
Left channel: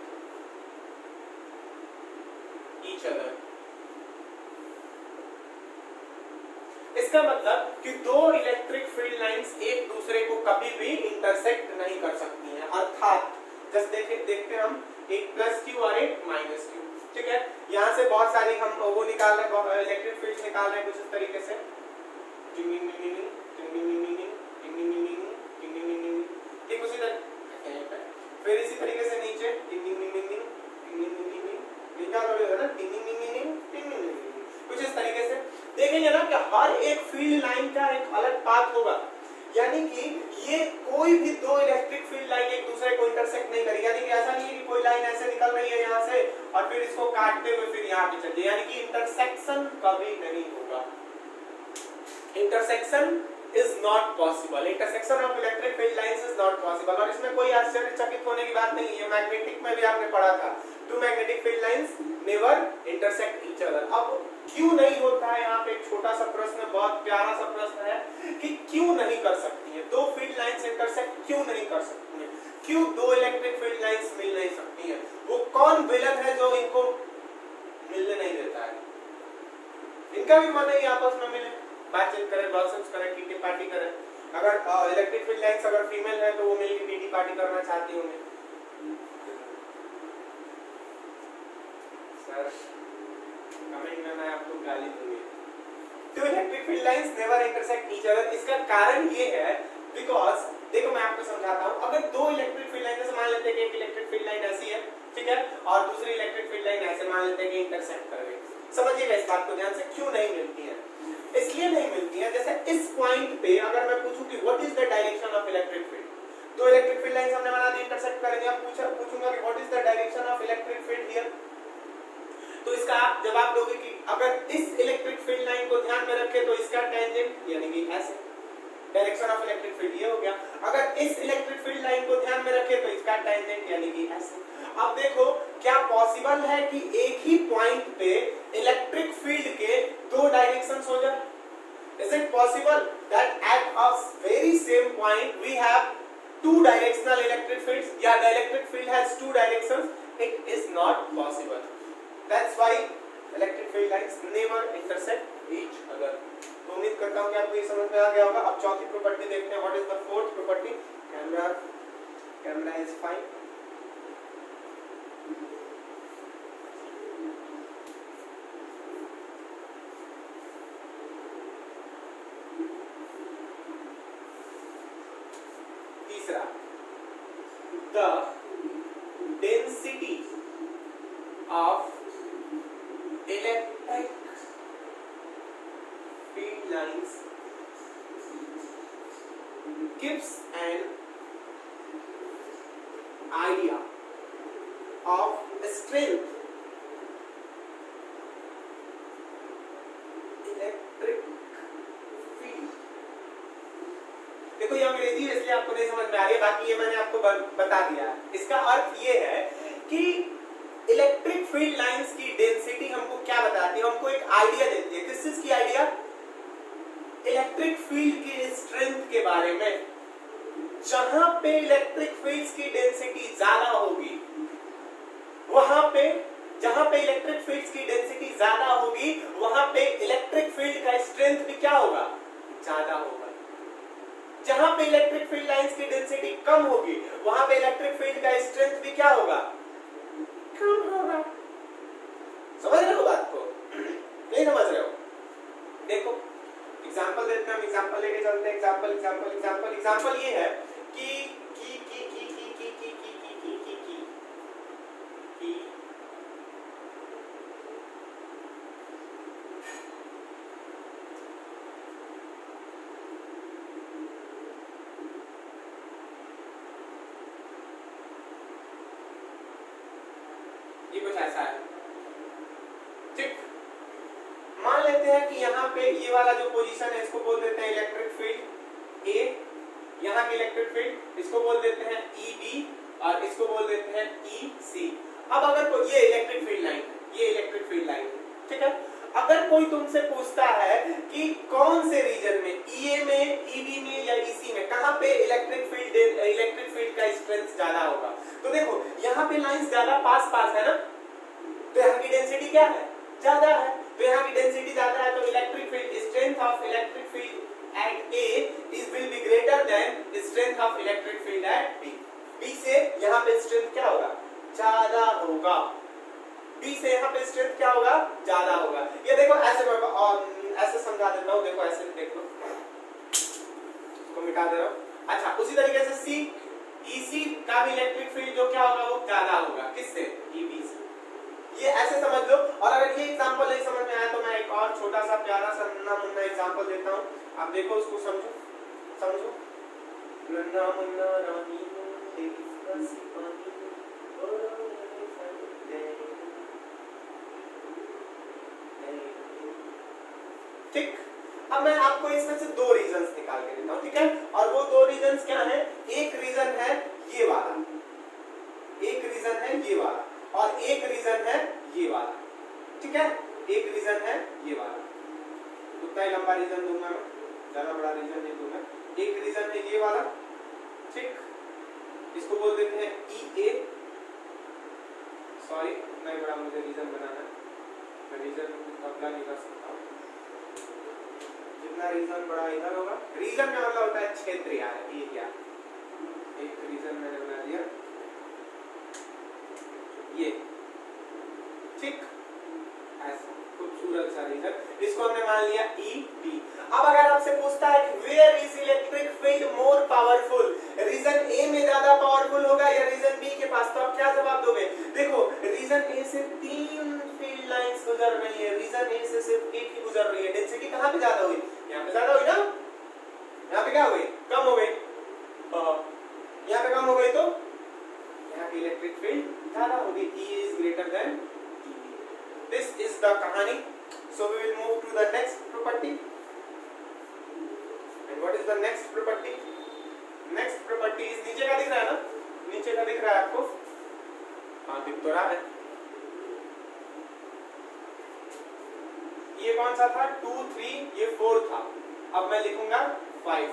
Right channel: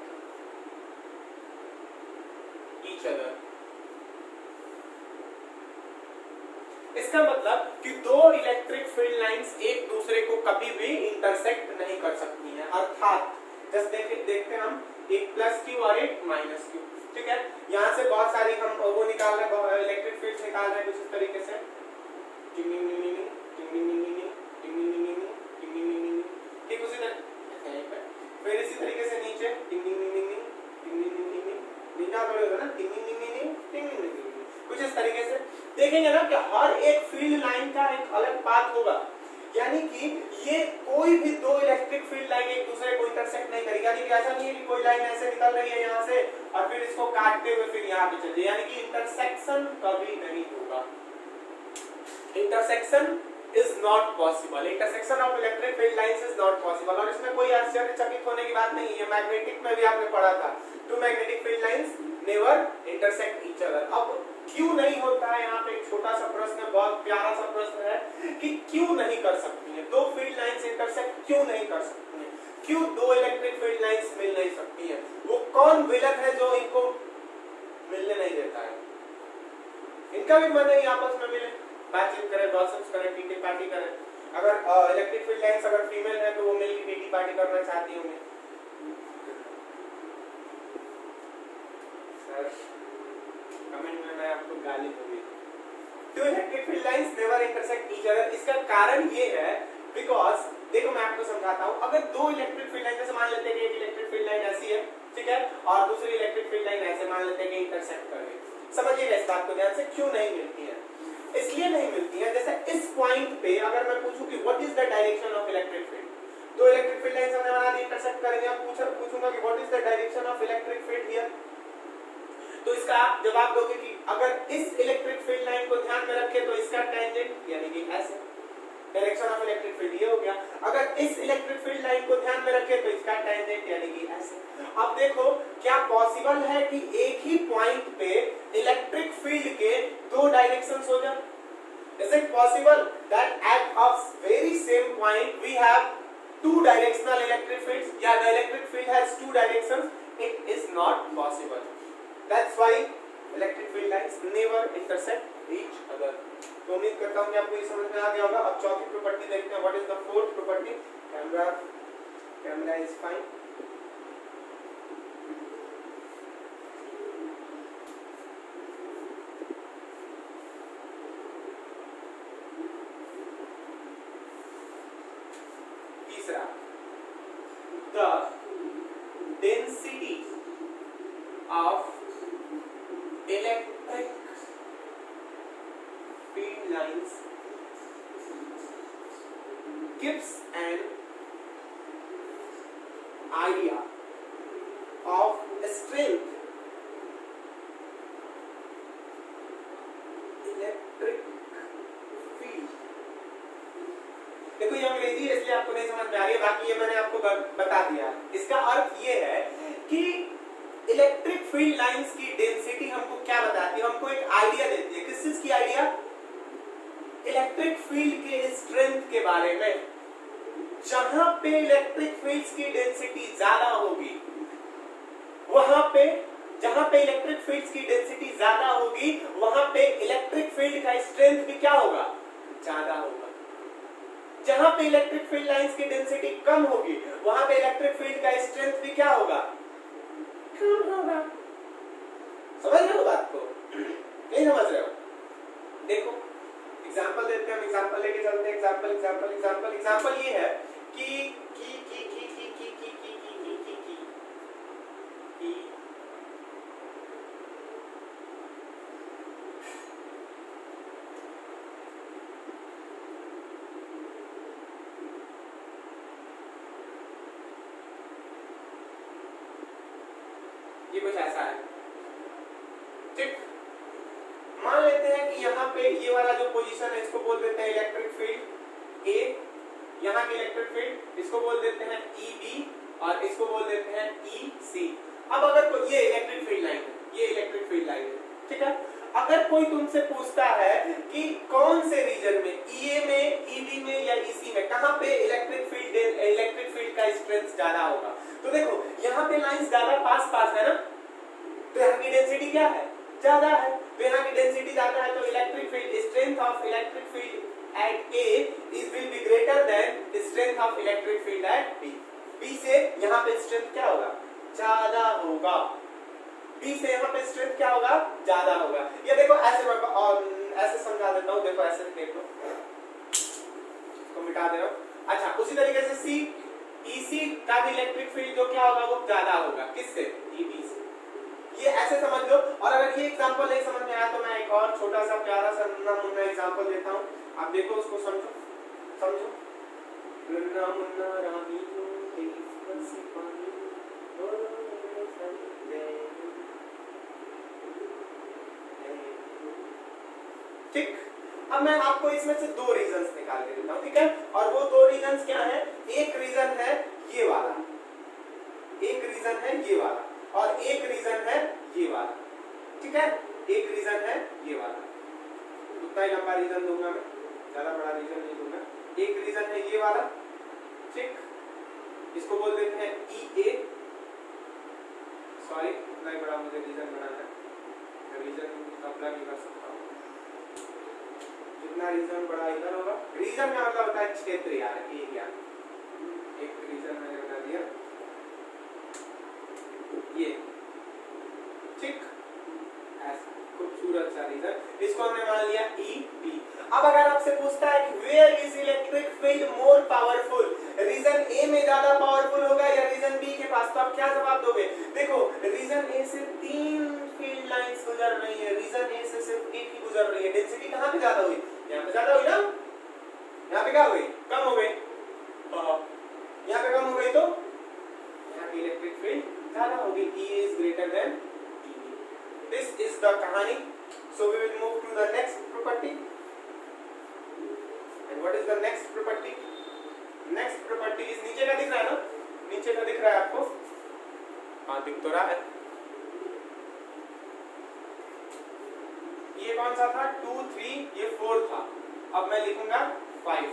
each other। इसका इसका मतलब कि दो इलेक्ट्रिक फील्ड लाइंस एक दूसरे को कभी भी इंटरसेक्ट नहीं कर सकती हैं, अर्थात जस्ट देखते हैं हम एक प्लस क्यू और एक माइनस क्यू, ठीक है। यहाँ से बहुत सारी हम वो निकाल रहे हैं, इलेक्ट्रिक फील्ड निकाल रहे हैं कुछ इस तरीके से, ठीक उसी तरह, फिर इसी तरीके से नीचे कुछ इस तरीके से देखेंगे ना कि हर एक फील्ड लाइन का एक अलग पाथ होगा, यानी कि ये कोई भी दो इलेक्ट्रिक फील्ड लाइन एक दूसरे को इंटरसेक्ट नहीं करेगी, यानी कि ऐसा नहीं है कि कोई लाइन ऐसे निकल रही है यहाँ से और फिर इसको काटते हुए फिर यहाँ पे चल जाए, यानी कि इंटरसेक्शन कभी नहीं होगा। Intersection is not possible, intersection of electric field lines is not possible। और इसमें कोई आश्चर्यचकित होने की बात नहीं है, मैग्नेटिक में भी आपने पढ़ा था, two magnetic field lines never intersect each other। अब क्यों नहीं होता है, यहाँ पे एक छोटा सा प्रश्न है, बहुत प्यारा सा प्रश्न है कि क्यों नहीं कर सकती है दो फील्ड लाइंस इंटरसेक्ट, क्यों नहीं कर सकती है, क्यों दो इलेक्ट्रिक फील्ड लाइंस मिल नहीं सकती है, वो कौन विलन है जो इनको मिलने नहीं देता है। इनका भी मन है कि आपस में मिले, बातचीत करें, गॉसिप्स करें, टीटी पार्टी करें। अगर इलेक्ट्रिक फील्ड लाइंस अगर फीमेल है तो वो मिलकर टीटी पार्टी करना चाहती होंगी। सर कमेंट में मैं आपको गाली दूंगी। Two electric field lines never intersect each other, इसका कारण ये है बिकॉज देखो मैं आपको समझाता हूँ, अगर दो इलेक्ट्रिक फील्ड लाइन, जैसे मान लेते हैं कि एक इलेक्ट्रिक फील्ड लाइन ऐसी है, ठीक है, और दूसरी इलेक्ट्रिक फील्ड लाइन ऐसे मान लेते हैं कि इंटरसेक्ट कर रही है। समझिएगा इस बात को ध्यान से, क्यों नहीं मिलती है, इसलिए नहीं मिलती है, जैसे इस पॉइंट पे अगर मैं पूछूं कि what is the direction of electric field, दो इलेक्ट्रिक फील्ड लाइंस हमने बना दी, इंटरसेक्ट करेंगे, अब पूछूंगा कि what is the direction of electric field here, तो इसका आप जवाब दोगे कि अगर इस इलेक्ट्रिक फील्ड लाइन को ध्यान में रखें तो इसका टेंजेंट यानी कि ऐसे, डायरेक्शन ऑफ इलेक्ट्रिक फील्ड ये हो गया। अगर इस इलेक्ट्रिक फील्ड लाइन को ध्यान में रखें तो इसका टेंजेंट यानी कि ऐसे। अब देखो क्या पॉसिबल है कि एक ही पॉइंट पे इलेक्ट्रिक फील्ड के दो डायरेक्शंस हो जाए? Is it possible that at a very same point we have two directional electric fields? Yeah, the electric field has two directions. It is not possible. That's why electric field lines never intersect each other. तो उम्मीद करता हूँ कि आपको ये समझ में आ गया होगा। अब चौथी प्रॉपर्टी देखते हैं, what is the fourth property? Camera is fine. The density of electric field lines gives an idea of strength electric field। देखो ये अंग्रेजी इसलिए आपको नहीं समझ में आ रही है, बाकी ये मैंने आपको बता दिया। इसका अर्थ ये है कि इलेक्ट्रिक फील्ड लाइंस की डेंसिटी हमको क्या बताती है, हमको एक आइडिया देती है। किस चीज की आइडिया? इलेक्ट्रिक फील्ड के स्ट्रेंथ के बारे में। जहां पे इलेक्ट्रिक फील्ड्स की डेंसिटी ज्यादा होगी, वहां पे जहां पे इलेक्ट्रिक फील्ड्स की डेंसिटी ज्यादा होगी, वहां पे इलेक्ट्रिक फील्ड का स्ट्रेंथ भी क्या होगा? ज्यादा होगा। जहां पे इलेक्ट्रिक फील्ड लाइंस की डेंसिटी कम होगी, वहां पे इलेक्ट्रिक फील्ड का स्ट्रेंथ भी क्या होगा? कम होगा। समझ रहे हो बात को? नहीं समझ रहे हो? देखो एग्जांपल देते हैं, हम एग्जांपल लेके चलते हैं। एग्जांपल ये है कि ये कुछ ऐसा है, ठीक। मान लेते हैं कि यहाँ पे ये वाला जो पोजीशन है इसको बोल देते हैं इलेक्ट्रिक फील्ड ए, यहाँ की इलेक्ट्रिक फील्ड इसको बोल देते हैं ई बी और इसको बोल देते हैं ई सी। अब अगर कोई ये इलेक्ट्रिक फील्ड लाइन है, ये इलेक्ट्रिक फील्ड लाइन है, ठीक है। अगर कोई तुमसे पूछता है कि कौन से रीजन में, ई में, ई बी में या ई सी में, कहाँ पे इलेक्ट्रिक फील्ड का स्ट्रेंथ ज्यादा होगा, तो देखो यहाँ पे लाइंस ज्यादा पास है ना, तो यहाँ की डेंसिटी क्या है? ज्यादा है, तो यहाँ की डेंसिटी ज्यादा है, तो electric field, strength of electric field at A is will be greater than strength of electric field at B. B से यहाँ पे स्ट्रेंथ क्या होगा, ज्यादा होगा, बी से यहाँ पे स्ट्रेंथ क्या होगा, ज्यादा होगा। ये देखो ऐसे मैं ऐसे समझा देता हूँ, देखो ऐसे देखो, इसको मिटा दे रहा हूँ। अच्छा उसी तरीके से सी, ईसी का भी इलेक्ट्रिक फील्ड जो क्या होगा वो ज्यादा होगा, किससे, ईबी से। ये ऐसे समझ लो। और अगर ये एग्जांपल नहीं समझ में आया तो मैं एक और छोटा सा प्यारा सा नन्ना मुन्ना एग्जांपल देता हूँ, आप देखो उसको समझो, समझो। नन्ना मुन्ना रानी ठीक। अब मैं आपको इसमें से दो रीजंस निकाल के देता हूं, ठीक है। और वो दो रीजंस क्या है, एक रीजन है ये वाला, एक रीजन है ये वाला, और एक रीजन है ये वाला, ठीक है। एक रीजन है ये वाला, उतना ही लंबा रीजन दूंगा मैं, ज्यादा बड़ा रीजन नहीं दूंगा। एक रीजन है ये वाला, ठीक, इसको बोल देते हैं ई ए, सॉरी उतना ही बड़ा मुझे रीजन बनाना है, मैं रीजन कब्जा नहीं कर सकता, जितना रीजन बड़ा इधर होगा। रीजन का मतलब होता है क्षेत्र यार, एरिया। एक रीजन मैंने बना दिया ये, ठीक, ऐसा खूबसूरत सा रीजन, इसको हमने मान लिया ई बी। अब अगर आपसे पूछता है कि where is electric field more powerful, reason A में ज्यादा पावरफुल होगा या रीजन बी के पास, तो आप क्या जवाब दोगे। देखो रीजन ए से 3 फील्ड लाइंस गुजर रही है, रीजन ए से सिर्फ एक ही गुजर रही है, डेंसिटी कहां पे ज्यादा हुई, यहाँ पे ज्यादा हुई ना, यहाँ पे क्या हो गई, कम हो गई, यहाँ पे कम हो गई, तो यहाँ की इलेक्ट्रिक फील्ड ज्यादा हो गई, E is greater than EB. This is the कहानी। So we will move to the next property. And what is the next property? Next property is, नीचे का दिख रहा है ना, नीचे का दिख रहा है आपको, हाँ दिख तो रहा है। ये कौन सा था, 2 3, ये 4 था, अब मैं लिखूंगा 5।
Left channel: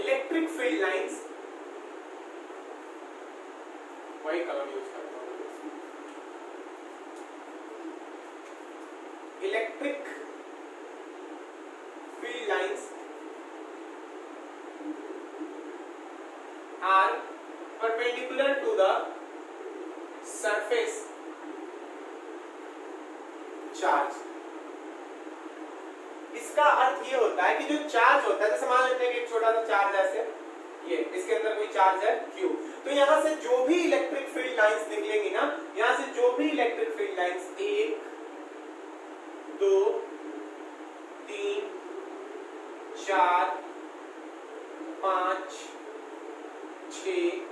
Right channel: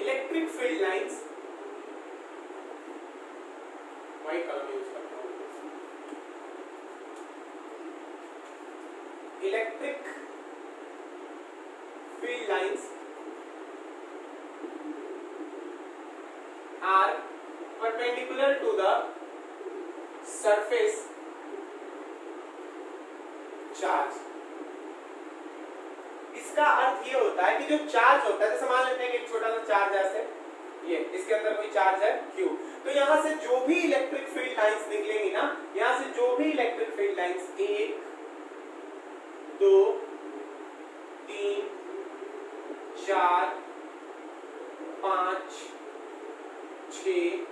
इलेक्ट्रिक फील्ड लाइंस, वही कलर यूज करता हूं, electric field lines are perpendicular to the surface charge। इसका अर्थ ये होता है कि जो चार्ज होता है, जैसे मान लेते हैं कि एक छोटा सा चार्ज है ऐसे, ये इसके अंदर कोई चार्ज है Q, तो यहाँ से जो भी इलेक्ट्रिक फील्ड लाइंस निकलेंगी ना, यहाँ से जो भी इलेक्ट्रिक फील्ड लाइंस 1 2 3 4 5 6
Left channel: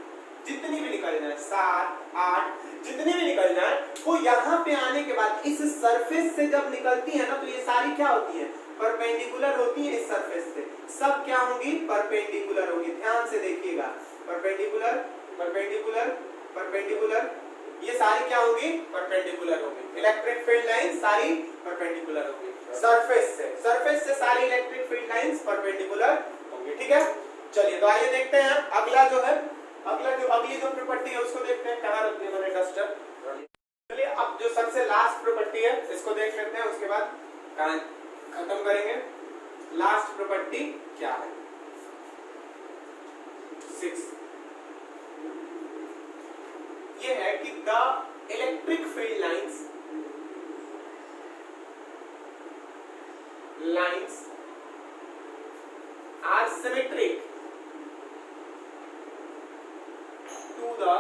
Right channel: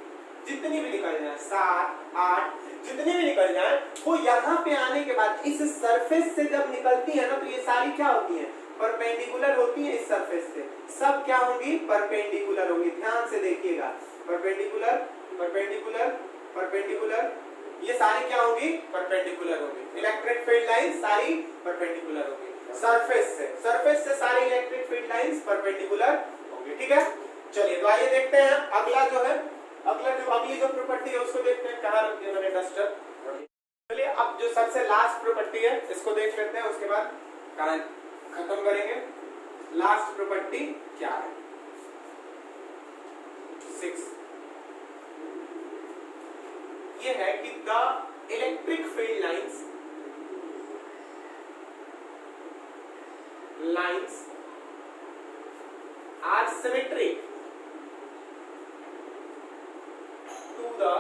जितनी भी निकल जाए, 7 8 जितनी भी निकल जाए, वो यहाँ पे आने के बाद इस सरफेस से जब निकलती है ना, तो ये सारी क्या होती है, परपेंडिकुलर होती है इस सरफेस से। सब क्या होंगी, परपेंडिकुलर होंगी, ध्यान से देखिएगा, परपेंडिकुलर परपेंडिकुलर परपेंडिकुलर, ये सारी क्या होंगी, परपेंडिकुलर होंगी। इलेक्ट्रिक फील्ड लाइन सारी परपेंडिकुलर होंगी सरफेस से सारी इलेक्ट्रिक फील्ड लाइंस परपेंडिकुलर होंगी, ठीक है। चलिए तो आइए देखते हैं अगला जो है, अगली जो प्रॉपर्टी है उसको देखते हैं, कहाँ रखते हैं डस्टर। चलिए अब जो सबसे लास्ट प्रॉपर्टी है इसको देख लेते हैं, उसके बाद खत्म करेंगे। लास्ट प्रॉपर्टी क्या है, 6, ये है कि the electric field lines are symmetric to the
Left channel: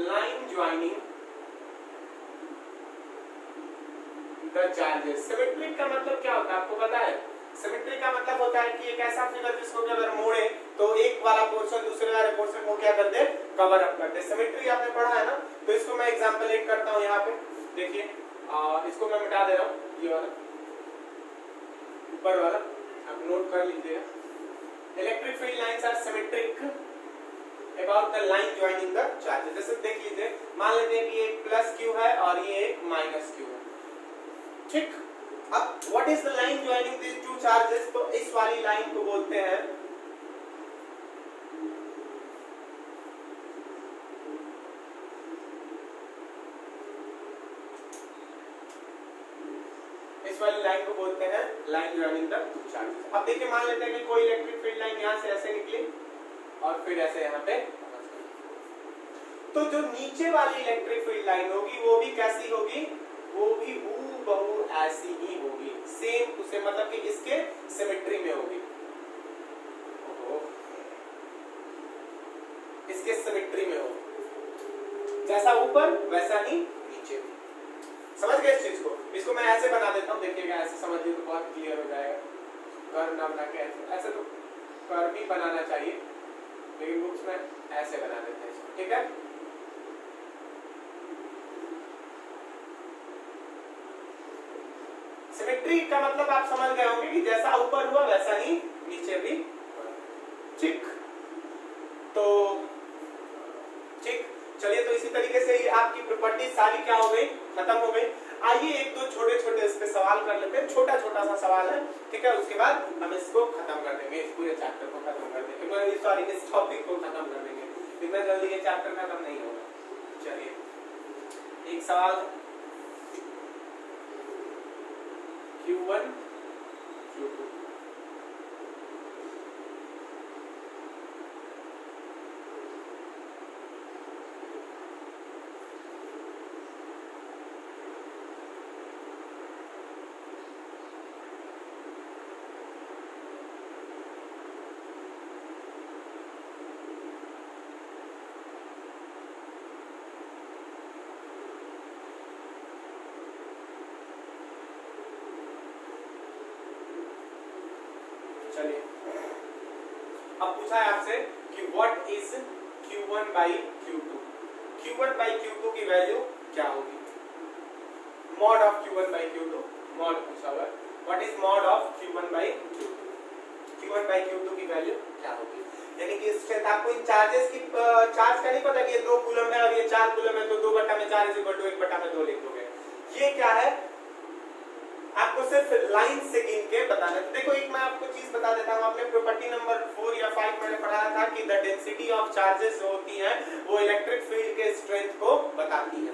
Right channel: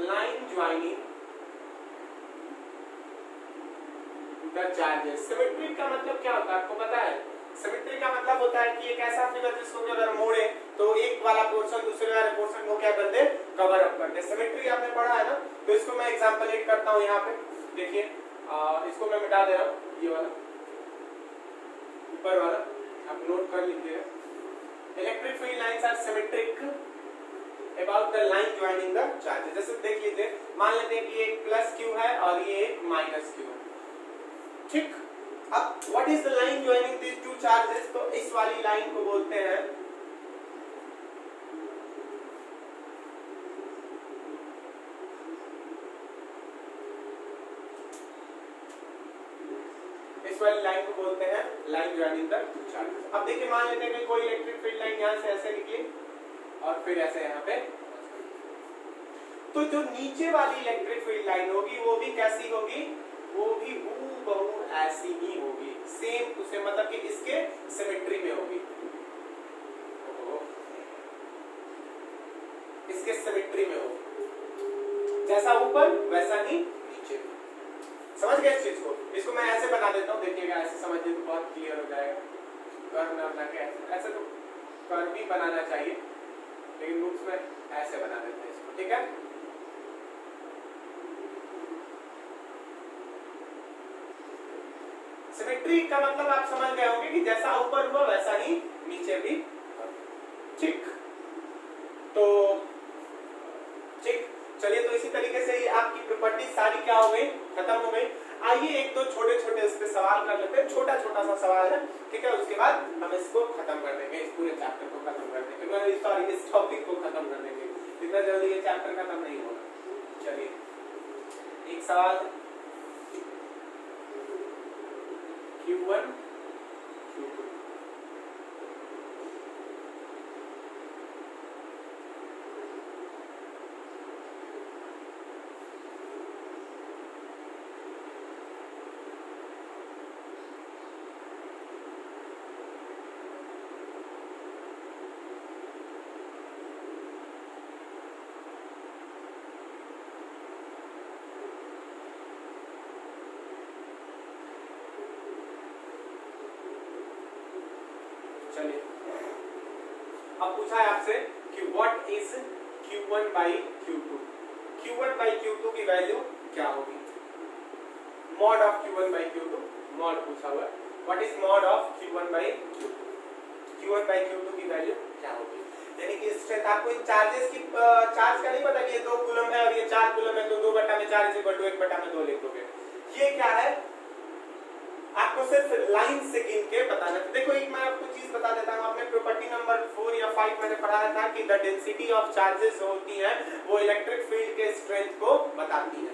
line joining the charges। Symmetric का मतलब क्या होता है आपको पता है, सिमेट्रिक का मतलब होता है कि एक ऐसा फिगर जिसको अगर मोड़े तो एक वाला पोर्शन दूसरे वाले पोर्शन को क्या कर दे, कवर अप कर दे। सिमेट्री आपने पढ़ा है ना, तो इसको मैं एग्जांपल एक करता हूं, यहाँ पे देखिए, इसको मैं मिटा दे रहा हूं, ये वाला ऊपर वाला आप नोट कर लीजिएगा। Electric field lines are symmetric about the line joining the charges. जैसे देख लीजिए, मान लेते हैं कि एक प्लस क्यू है और ये एक माइनस क्यू है, ठीक। अब what is the line joining this two charges, तो इस वाली लाइन को बोलते हैं वाली लाइन को बोलते हैं line joining the two charges. अब देखिए मान लेते हैं कि कोई इलेक्ट्रिक फील्ड लाइन यहां से ऐसे निकली और फिर ऐसे यहां पे, तो जो नीचे वाली इलेक्ट्रिक फील्ड लाइन होगी वो भी कैसी होगी, वो भी हूबहू ऐसी ही होगी, सेम उसे मतलब कि इसके सिमेट्री में होगी, इसके सिमेट्री में होगी, जैसा ऊपर वैसा ही नीचे भी। समझ गए इस चीज को? इसको मैं ऐसे बना देता हूँ, देखिएगा ऐसे समझिए तो बहुत क्लियर हो जाएगा। कर्व ना बना के ऐसे तो कर्व भी बनाना चाहिए, लेकिन बुक्स में ऐसे बना देते हैं इसको, ठीक है। सिमेट्री का मतलब आप समझ गए होंगे कि जैसा ऊपर हुआ वैसा ही नीचे भी, ठीक। तो ठीक, चलिए तो इसी तरीके से ये आपकी प्रॉपर्टी सारी क्या हो गई, खत्म हो गई। आइए एक दो छोटे छोटे इस पे सवाल कर लेते हैं, छोटा छोटा सा सवाल है, ठीक है। उसके बाद हम इसको खत्म कर देंगे, इस पूरे चैप्टर को खत्म कर देंगे, सॉरी इस टॉपिक को खत्म कर देंगे, इतना जल्दी ये चैप्टर खत्म नहीं होगा। चलिए एक सवाल Q1 Q2, अब पूछा है आपसे कि what is Q1 by Q2, Q1 by Q2 की वैल्यू क्या होगी, mod of Q1 by Q2, mod पूछा हुआ है, what is mod of Q1 by Q2, Q1 by Q2 की वैल्यू क्या होगी। यानी कि स्ट्रेंथ आपको इन चार्जेस की चार्ज का नहीं पता कि ये 2 कूलम है और ये 4 कूलम है, तो 2/4 1/2 लिख दोगे। ये क्या है, आपको सिर्फ लाइन से गिन के बताना है। देखो एक मैं आपको चीज बता देता हूँ, आपने प्रॉपर्टी नंबर 4 या 5 मैंने पढ़ा था कि द डेंसिटी ऑफ चार्जेस जो होती है वो इलेक्ट्रिक फील्ड के स्ट्रेंथ को बताती है।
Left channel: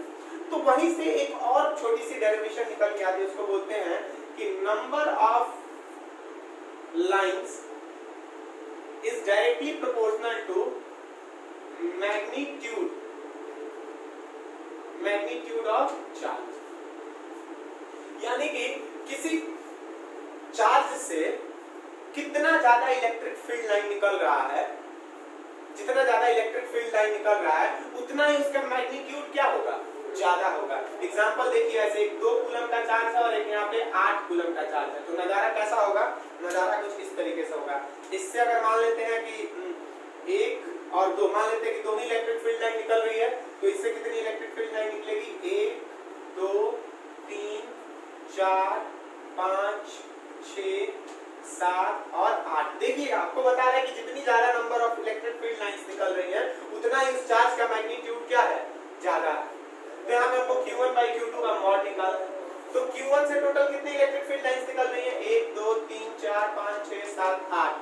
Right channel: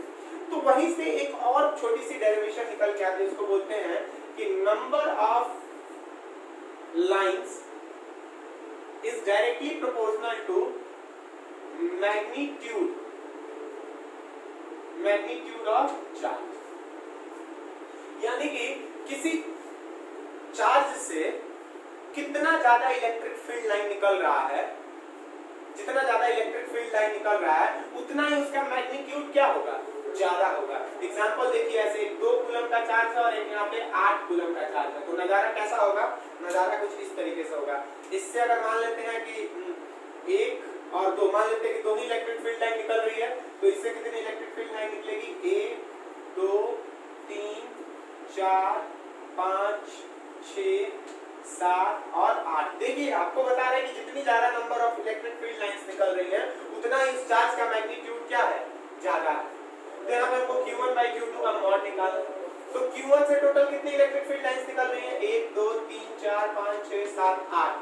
तो वहीं से एक और छोटी सी डेरिवेशन निकल के आती है, उसको बोलते हैं कि number of lines is directly proportional to magnitude of charge. यानी कि किसी चार्ज से कितना ज्यादा इलेक्ट्रिक फील्ड लाइन निकल रहा है, जितना ज्यादा इलेक्ट्रिक फील्ड लाइन निकल रहा है उतना ही उसका मैग्नीट्यूड क्या होगा, ज्यादा होगा। एग्जांपल देखिए, ऐसे एक 2 कूलम का चार्ज है और एक यहाँ पे 8 कूलम का चार्ज है, तो नजारा कैसा होगा, नजारा कुछ इस तरीके से होगा। इससे अगर मान लेते हैं कि 1 और 2, मान लेते हैं कि दोनों इलेक्ट्रिक फील्ड लाइन निकल रही है, तो इससे कितनी इलेक्ट्रिक फील्ड लाइन निकलेगी, 1 2 3 4 5 6 7 और 8। देखिए आपको बता रहे हैं कि जितनी ज्यादा number of electric field lines निकल रही है उतना इस चार्ज का मैग्नीट्यूड क्या है, ज्यादा है। तो यहाँ पे हमको Q1 by Q2 का मॉड निकालना है, तो Q1 से टोटल कितनी इलेक्ट्रिक फील्ड लाइंस निकल रही है, 1 2 3 4 5 6 7 8,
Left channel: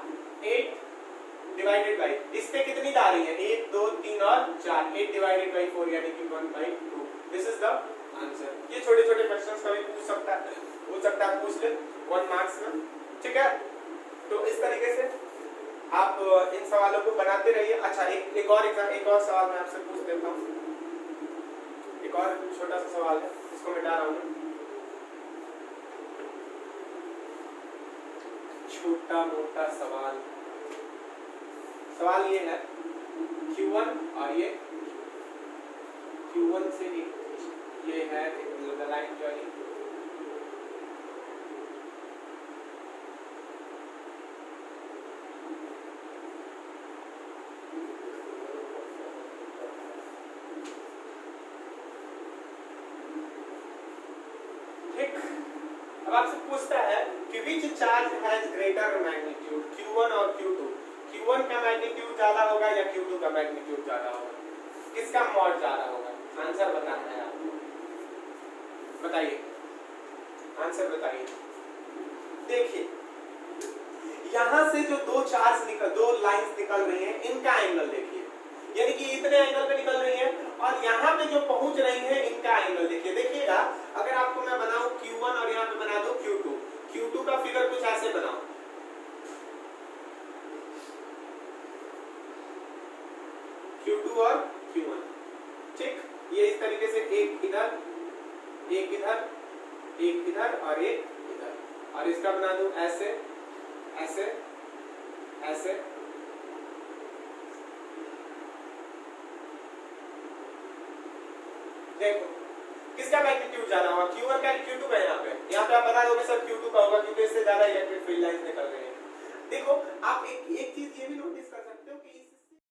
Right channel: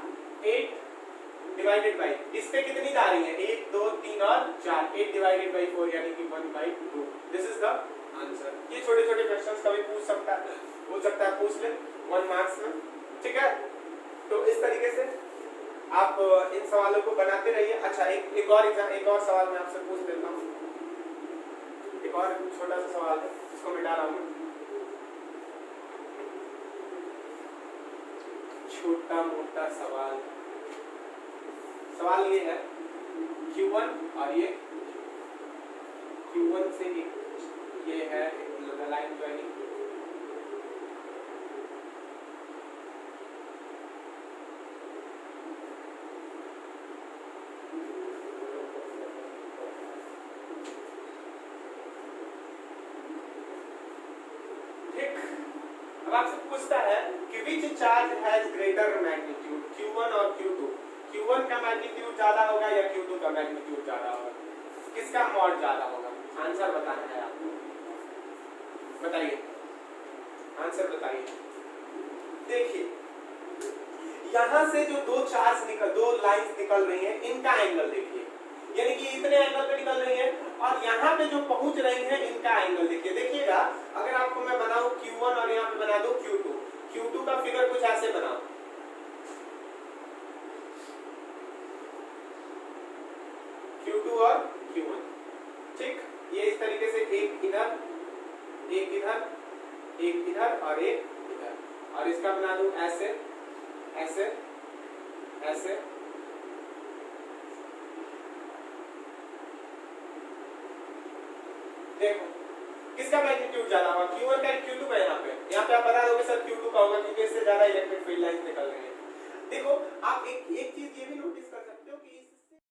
8 डिवाइडेड बाई इस पे कितनी जा रही है, 1 2 3 और 4, 8 डिवाइडेड बाई 4 यानी कि 1/2। This is the answer. ये छोटे छोटे क्वेश्चंस कभी पूछ सकता है, हो सकता है पूछ ले 1 मार्क्स में, ठीक है। तो इस तरीके से आप इन सवालों को बनाते रहिए। अच्छा एक और सवाल मैं आपसे पूछ देता हूँ, एक और छोटा सा सवाल है, इसको मिटा रहा हूँ, छोटा मोटा सवाल। सवाल ये है Q1 और ये Q1 से ये है लाइन ज्वाइनिंग, आपसे पूछता है कि which charge has greater magnitude, Q1 और Q2। Q1 का मैग्नीट्यूड ज्यादा होगा या Q2 का मैग्नीट्यूड ज्यादा होगा, किसका मॉड ज्यादा होगा, आंसर बताना है आपको, बताइए आंसर आंसर बताइए। देखिए यहां से जो दो लाइंस निकल रही हैं इनका एंगल देखिए, यानी कि इतने एंगल पे निकल रही हैं, और यहाँ पे जो पहुंच रही हैं इनका एंगल देखिए। देखिएगा अगर आपको मैं बनाऊं Q1 और यहाँ पे बना दूं Q2, Q2 का फिगर कुछ ऐसे बनाओ, Q2 और Q1, ठीक, ये इस तरीके से एक इधर एक इधर एक इधर और एक इधर, और इसका बना दूं ऐसे ऐसे ऐसे, देखो किसका मैग्नीट्यूड ज्यादा हुआ, Q1 का Q2 का। यहाँ पे आप बता दोगे सर Q2 का होगा क्योंकि इससे ज्यादा इलेक्ट्रिक फील्ड लाइंस निकल रही है। देखो आप एक चीज ये भी नोटिस